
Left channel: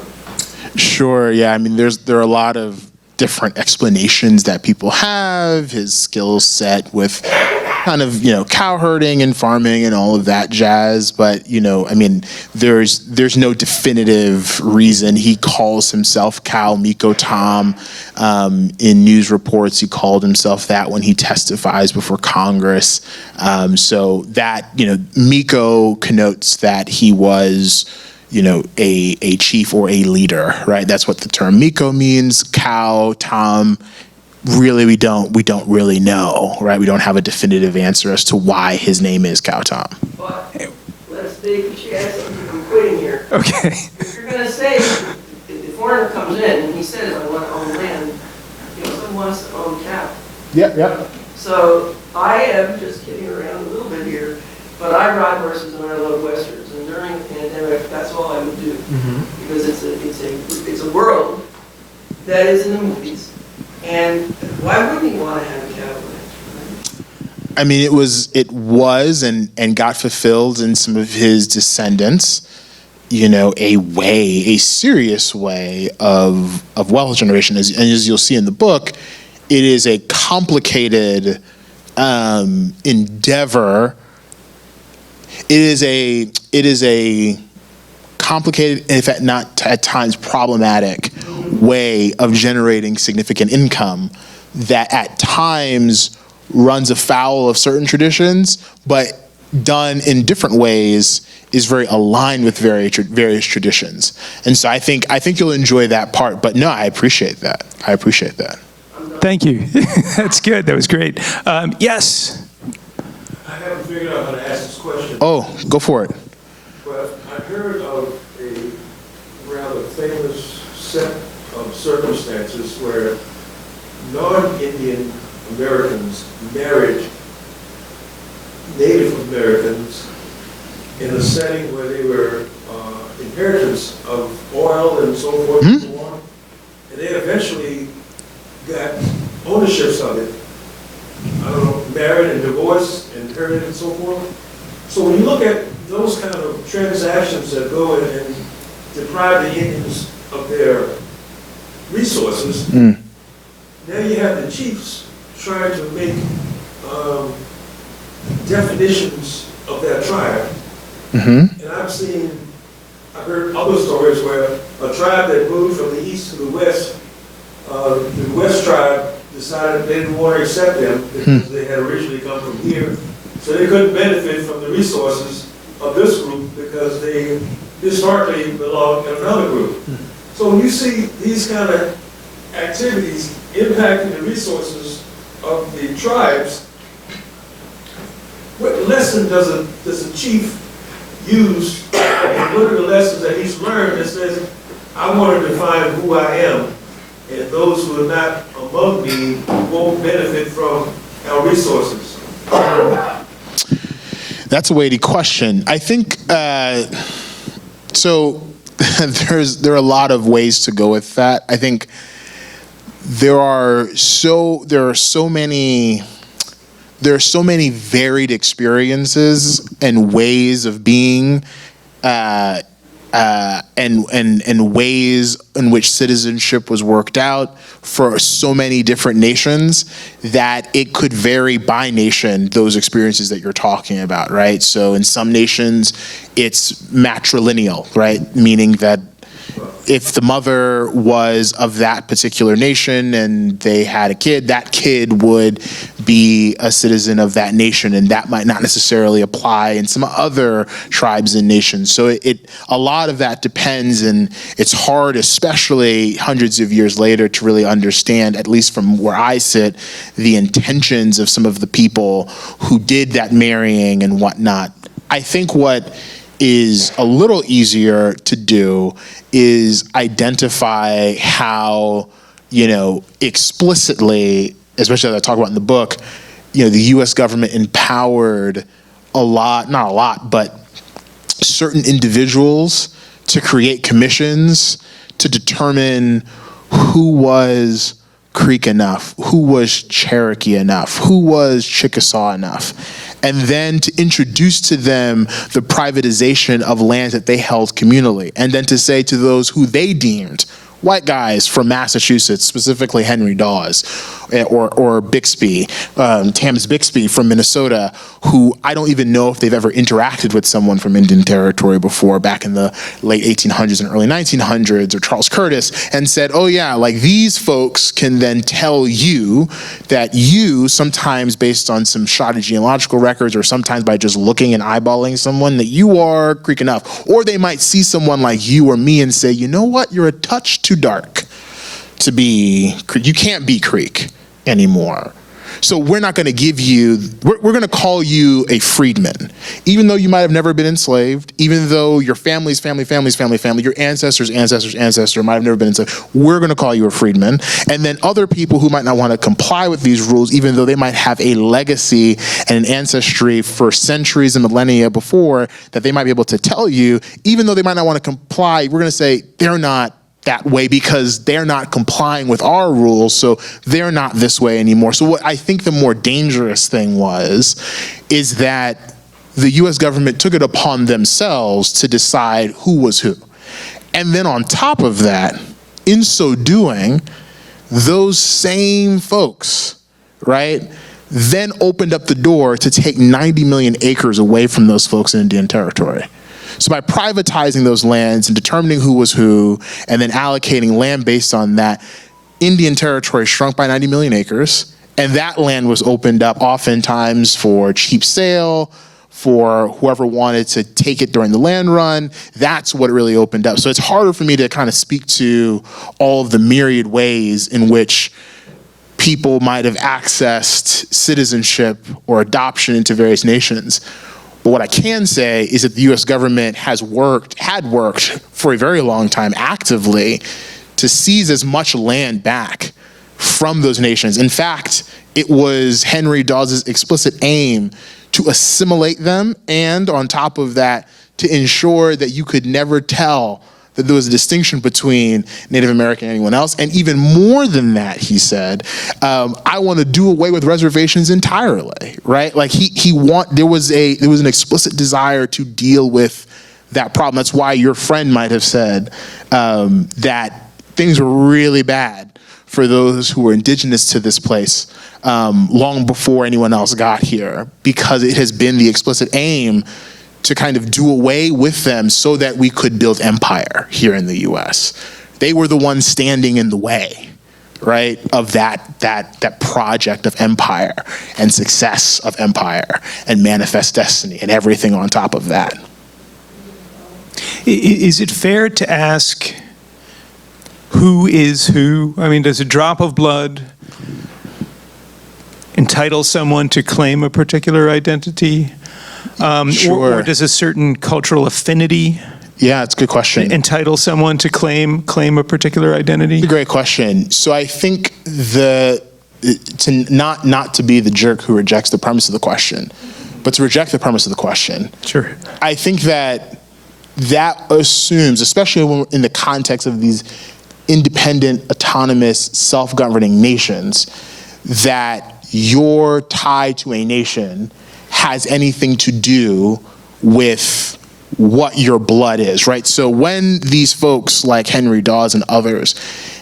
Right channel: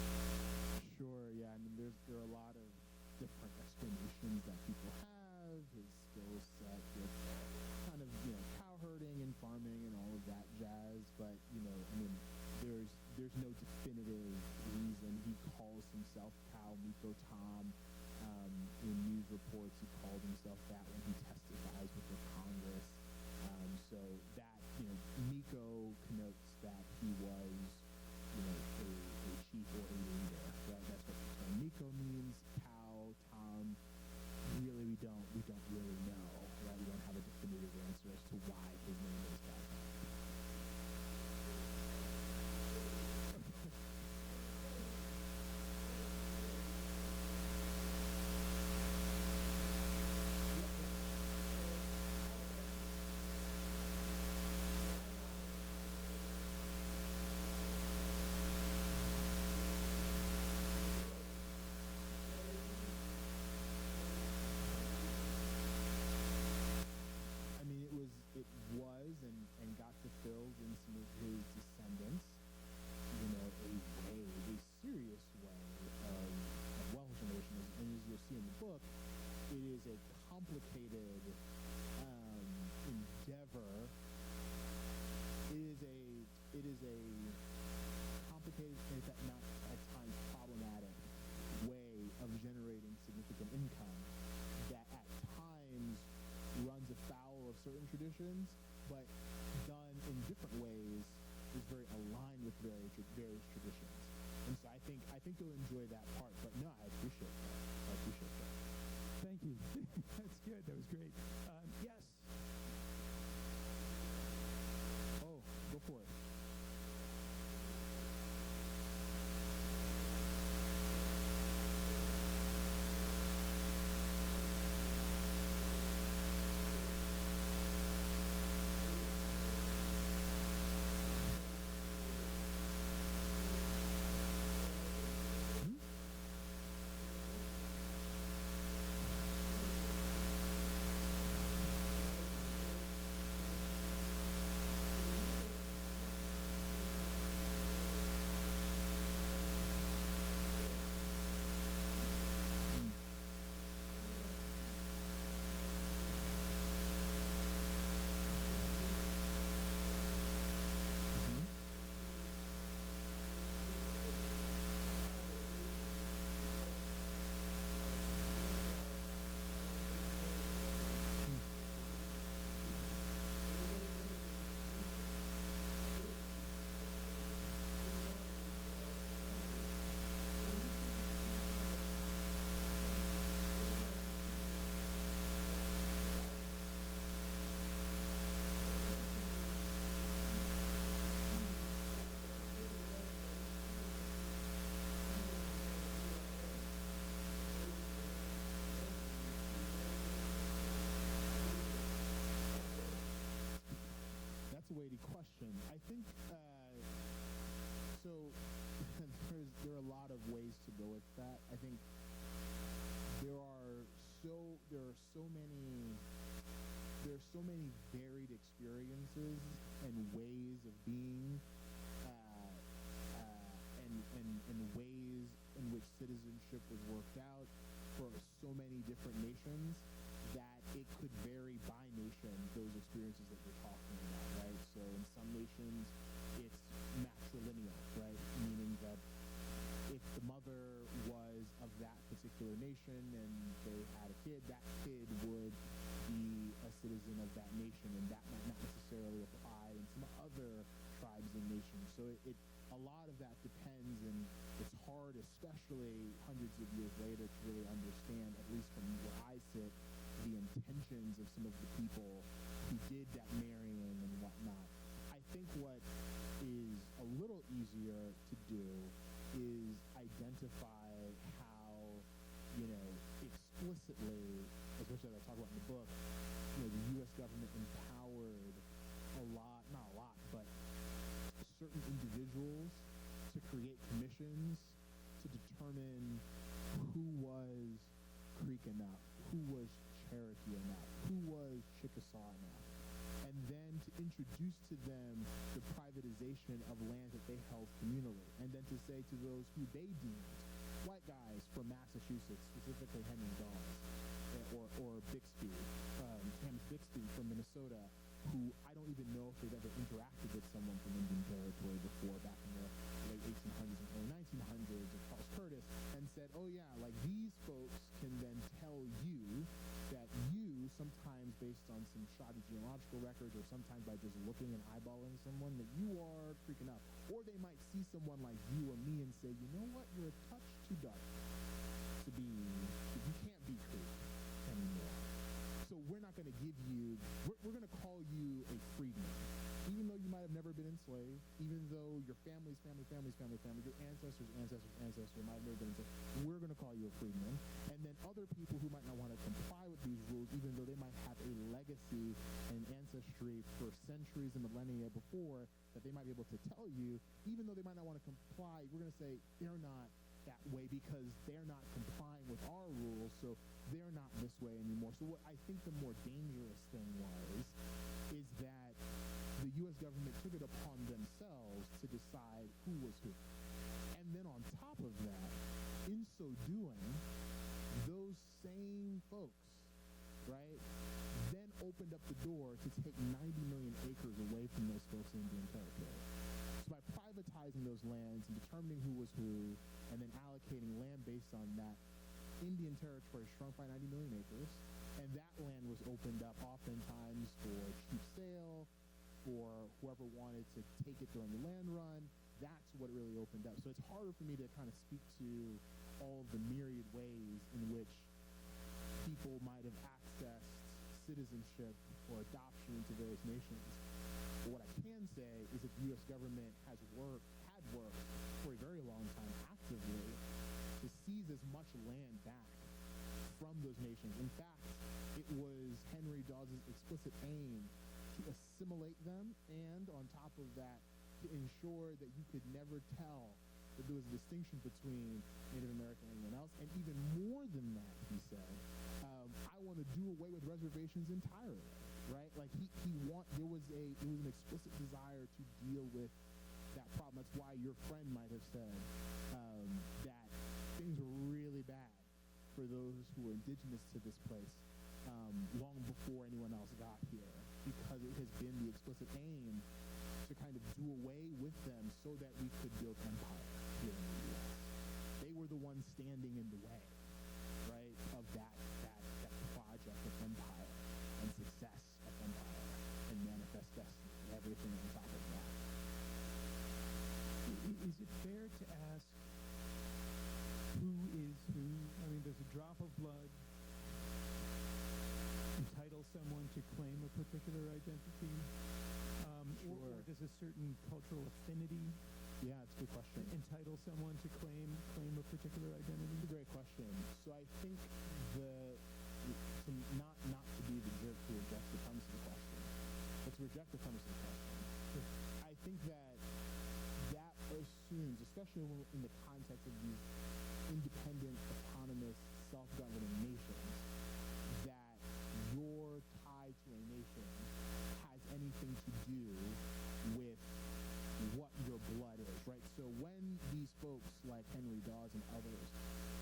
Sure, yeah. I mean, there are a lot of different explanations that people have, his skill set with kind of, cow herding and farming and all of that jazz. But, I mean, there's no definitive reason. He calls himself Cow Miko Tom. In news reports, he called himself that when he testifies before Congress. So that, Miko connotes that he was, a chief or a leader, right? That's what the term Miko means. Cow, Tom, really we don't really know, right? We don't have a definitive answer as to why his name is Cow Tom. But let's take a chance. I'm quitting here. Okay. If you're going to say, if the foreigner comes in and he says, I want to own land, someone wants to own cow. Yep. So I am just kidding around a little bit here, but I ride horses and I love westerns. And during the pandemic, that's all I would do, because it's a world that is in the movies. And why wouldn't he want to have a cattle ranch? Right? I mean, it was and got fulfilled in some of his descendants. A serious way of wealth generation. As you'll see in the book, it is a complicated endeavor. it is a complicated, and in fact not at times problematic way of generating significant income that at times runs afoul of certain traditions, but done in different ways is very aligned with various traditions. And so I think you'll enjoy that part. But no, I appreciate that. Thank you. That's good. That was great. Yes. I haven't figured out how to ask this question. Oh, go for it. But I heard of a rather famous set of circumstances where non-Indian Americans married Native Americans in a setting where they were inheritors of oil and so forth and so on. And they eventually got ownerships of it. I don't know, married and divorced, inherited and so forth. So when you look at those kind of transactions that go in and deprive the Indians of their resources, now you have the chiefs trying to make definitions of their tribe. And I've heard other stories where a tribe that moved from the east to the west tribe decided they didn't want to accept them because they had originally come from here. So they couldn't benefit from the resources of this group because they historically belonged in another group. So when you see these kind of activities impacting the resources of the tribes, what lesson does a chief use, and what are the lessons that he's learned that says, I want to define who I am, and those who are not among me won't benefit from our resources? That's a weighty question. I think, so there are a lot of ways to go with that. I think there are so many varied experiences and ways of being, and ways in which citizenship was worked out for so many different nations that it could vary by nation, those experiences that you're talking about, right? So in some nations, it's matrilineal, right? Meaning that if the mother was of that particular nation and they had a kid, that kid would be a citizen of that nation, and that might not necessarily apply in some other tribes and nations. So a lot of that depends, and it's hard, especially hundreds of years later, to really understand, at least from where I sit, the intentions of some of the people who did that marrying and whatnot. I think what is a little easier to do is identify how, explicitly, especially as I talk about in the book, the U.S. government empowered not a lot, but certain individuals to create commissions to determine who was Creek enough, who was Cherokee enough, who was Chickasaw enough, and then to introduce to them the privatization of lands that they held communally, and then to say to those who they deemed white guys from Massachusetts, specifically Henry Dawes, or Bixby, Tams Bixby from Minnesota, who I don't even know if they've ever interacted with someone from Indian Territory before, back in the late 1800s and early 1900s, or Charles Curtis, and said, oh yeah, like these folks can then tell you that you, sometimes based on some shoddy genealogical records, or sometimes by just looking and eyeballing someone, that you are Creek enough. Or they might see someone like you or me and say, you know what, you're a touch too dark to be Creek. You can't be Creek anymore. So we're not going to give you, we're going to call you a freedman, even though you might have never been enslaved, even though your family's family, your ancestors' ancestor might have never been enslaved. We're going to call you a freedman. And then other people who might not want to comply with these rules, even though they might have a legacy and an ancestry for centuries and millennia before, that they might be able to tell you, even though they might not want to comply, we're going to say they're not that way because they're not complying with our rules, so they're not this way anymore. So what I think the more dangerous thing is that the US government took it upon themselves to decide who was who. And then on top of that, in so doing, those same folks, right, then opened up the door to take 90 million acres away from those folks in Indian Territory. So by privatizing those lands and determining who was who, and then allocating land based on that, Indian Territory shrunk by 90 million acres, and that land was opened up oftentimes for cheap sale, for whoever wanted to take it during the land run. That's what it really opened up. So it's harder for me to kind of speak to all of the myriad ways in which people might have accessed citizenship or adoption into various nations. But what I can say is that the US government had worked for a very long time actively to seize as much land back from those nations. In fact, it was Henry Dawes's explicit aim to assimilate them, and on top of that, to ensure that you could never tell that there was a distinction between Native American and anyone else. And even more than that, he said, I want to do away with reservations entirely, right? Like there was an explicit desire to deal with that problem. That's why your friend might have said that things were really bad for those who were indigenous to this place long before anyone else got here, because it has been the explicit aim to kind of do away with them so that we could build empire here in the US. They were the ones standing in the way, right, of that project of empire and success of empire and manifest destiny and everything on top of that. Is it fair to ask who is who? I mean, does a drop of blood entitle someone to claim a particular identity? Sure. Or does a certain cultural affinity it's a good question. entitle someone to claim a particular identity? It's a great question. So I think not to be the jerk who rejects the premise of the question, but to reject the premise of the question. Sure. I think that assumes, especially when in the context of these independent, autonomous, self-governing nations, that your tie to a nation has anything to do with what your blood is, right? So when these folks like Henry Dawes and others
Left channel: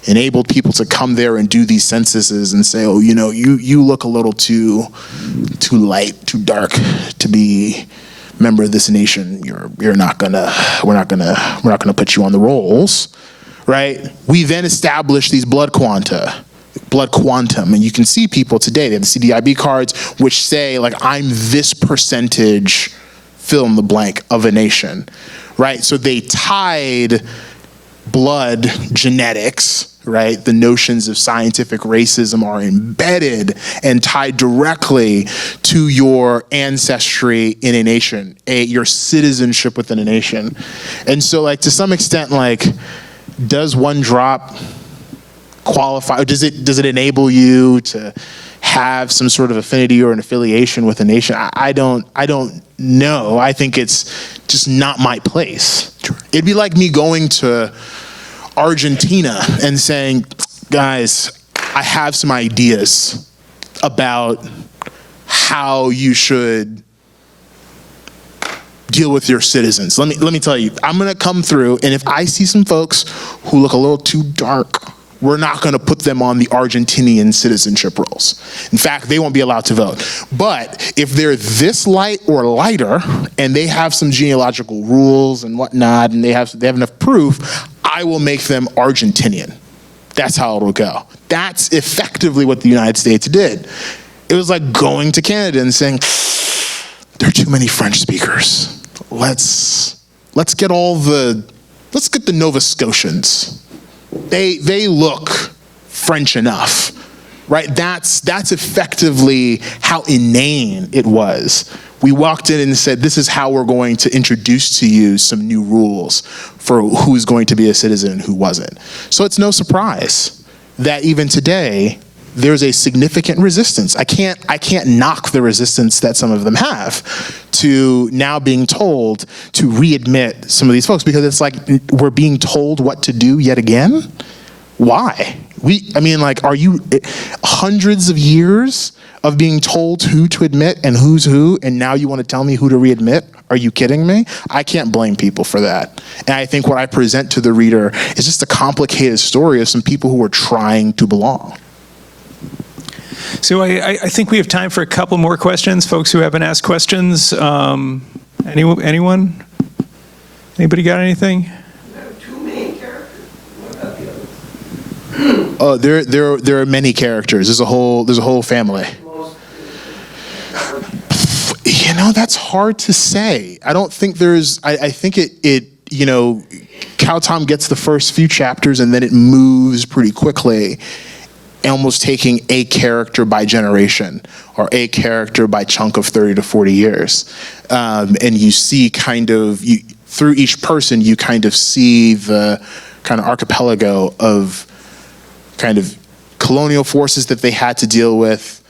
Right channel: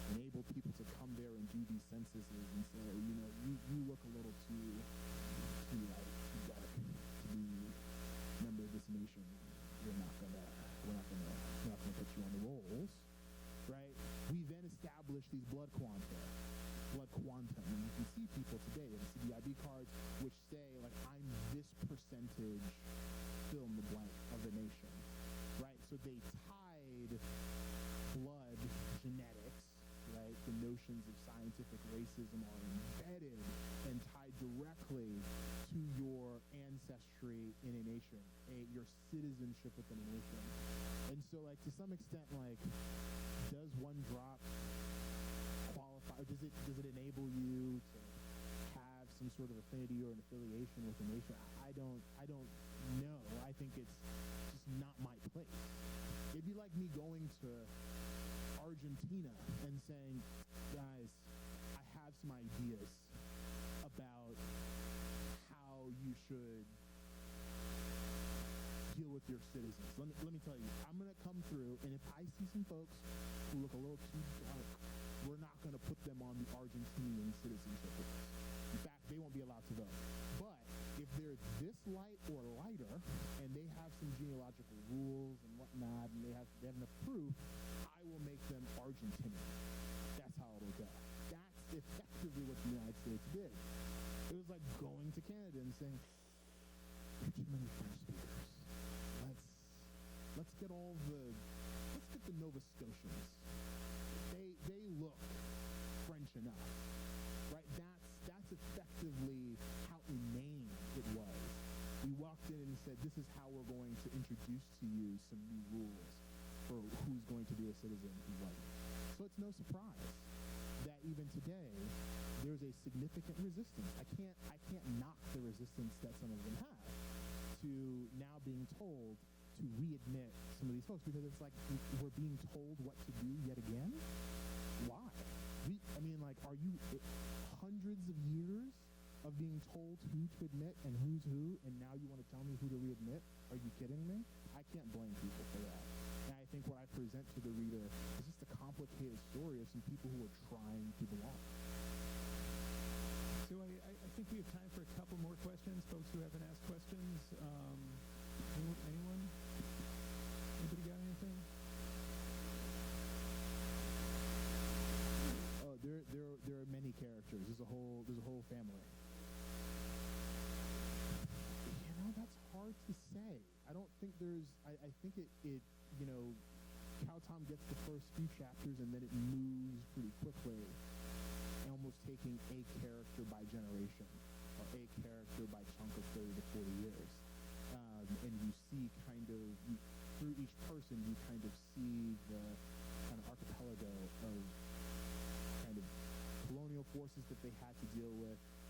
enabled people to come there and do these censuses and say, oh, you look a little too light, too dark to be a member of this nation. We're not gonna put you on the rolls, right? We then established these blood quantum, and you can see people today, they have the CDIB cards which say, like, I'm this percentage, fill in the blank, of a nation, right? So they tied blood genetics, right? The notions of scientific racism are embedded and tied directly to your ancestry in a nation, your citizenship within a nation. And so, like, to some extent, like, does one drop qualify, or does it enable you to have some sort of affinity or an affiliation with a nation? I don't know. I think it's just not my place. It'd be like me going to Argentina and saying, guys, I have some ideas about how you should deal with your citizens. Let me tell you, I'm gonna come through, and if I see some folks who look a little too dark, we're not going to put them on the Argentinian citizenship rolls. In fact, they won't be allowed to vote. But if they're this light or lighter, and they have some genealogical rules and whatnot, and they have enough proof, I will make them Argentinian. That's how it'll go. That's effectively what the United States did. It was like going to Canada and saying, there are too many French speakers. Let's get the Nova Scotians. They look French enough, right? That's effectively how inane it was. We walked in and said, this is how we're going to introduce to you some new rules for who's going to be a citizen and who wasn't. So it's no surprise that even today, there's a significant resistance. I can't knock the resistance that some of them have to now being told to readmit some of these folks, because it's like we're being told what to do yet again. Why? Are you hundreds of years of being told who to admit and who's who, and now you want to tell me who to readmit? Are you kidding me? I can't blame people for that. And I think what I present to the reader is just a complicated story of some people who are trying to belong. So I think we have time for a couple more questions. Folks who haven't asked questions. Anyone? Anybody got anything? You have two main characters. What about the others? Oh, there are many characters. There's a whole family. Most, You know, that's hard to say. I don't think there's. I think it. You know, Cow Tom gets the first few chapters and then it moves pretty quickly, almost taking a character by generation or a character by chunk of 30 to 40 years, and you see kind of through each person you kind of see the kind of archipelago of kind of colonial forces that they had to deal with,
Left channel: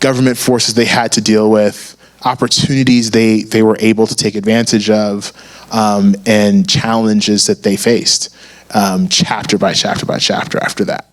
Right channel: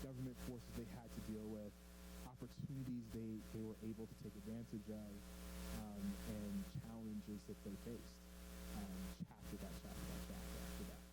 government forces they had to deal with, opportunities they were able to take advantage of, and challenges that they faced, chapter by chapter by chapter after that.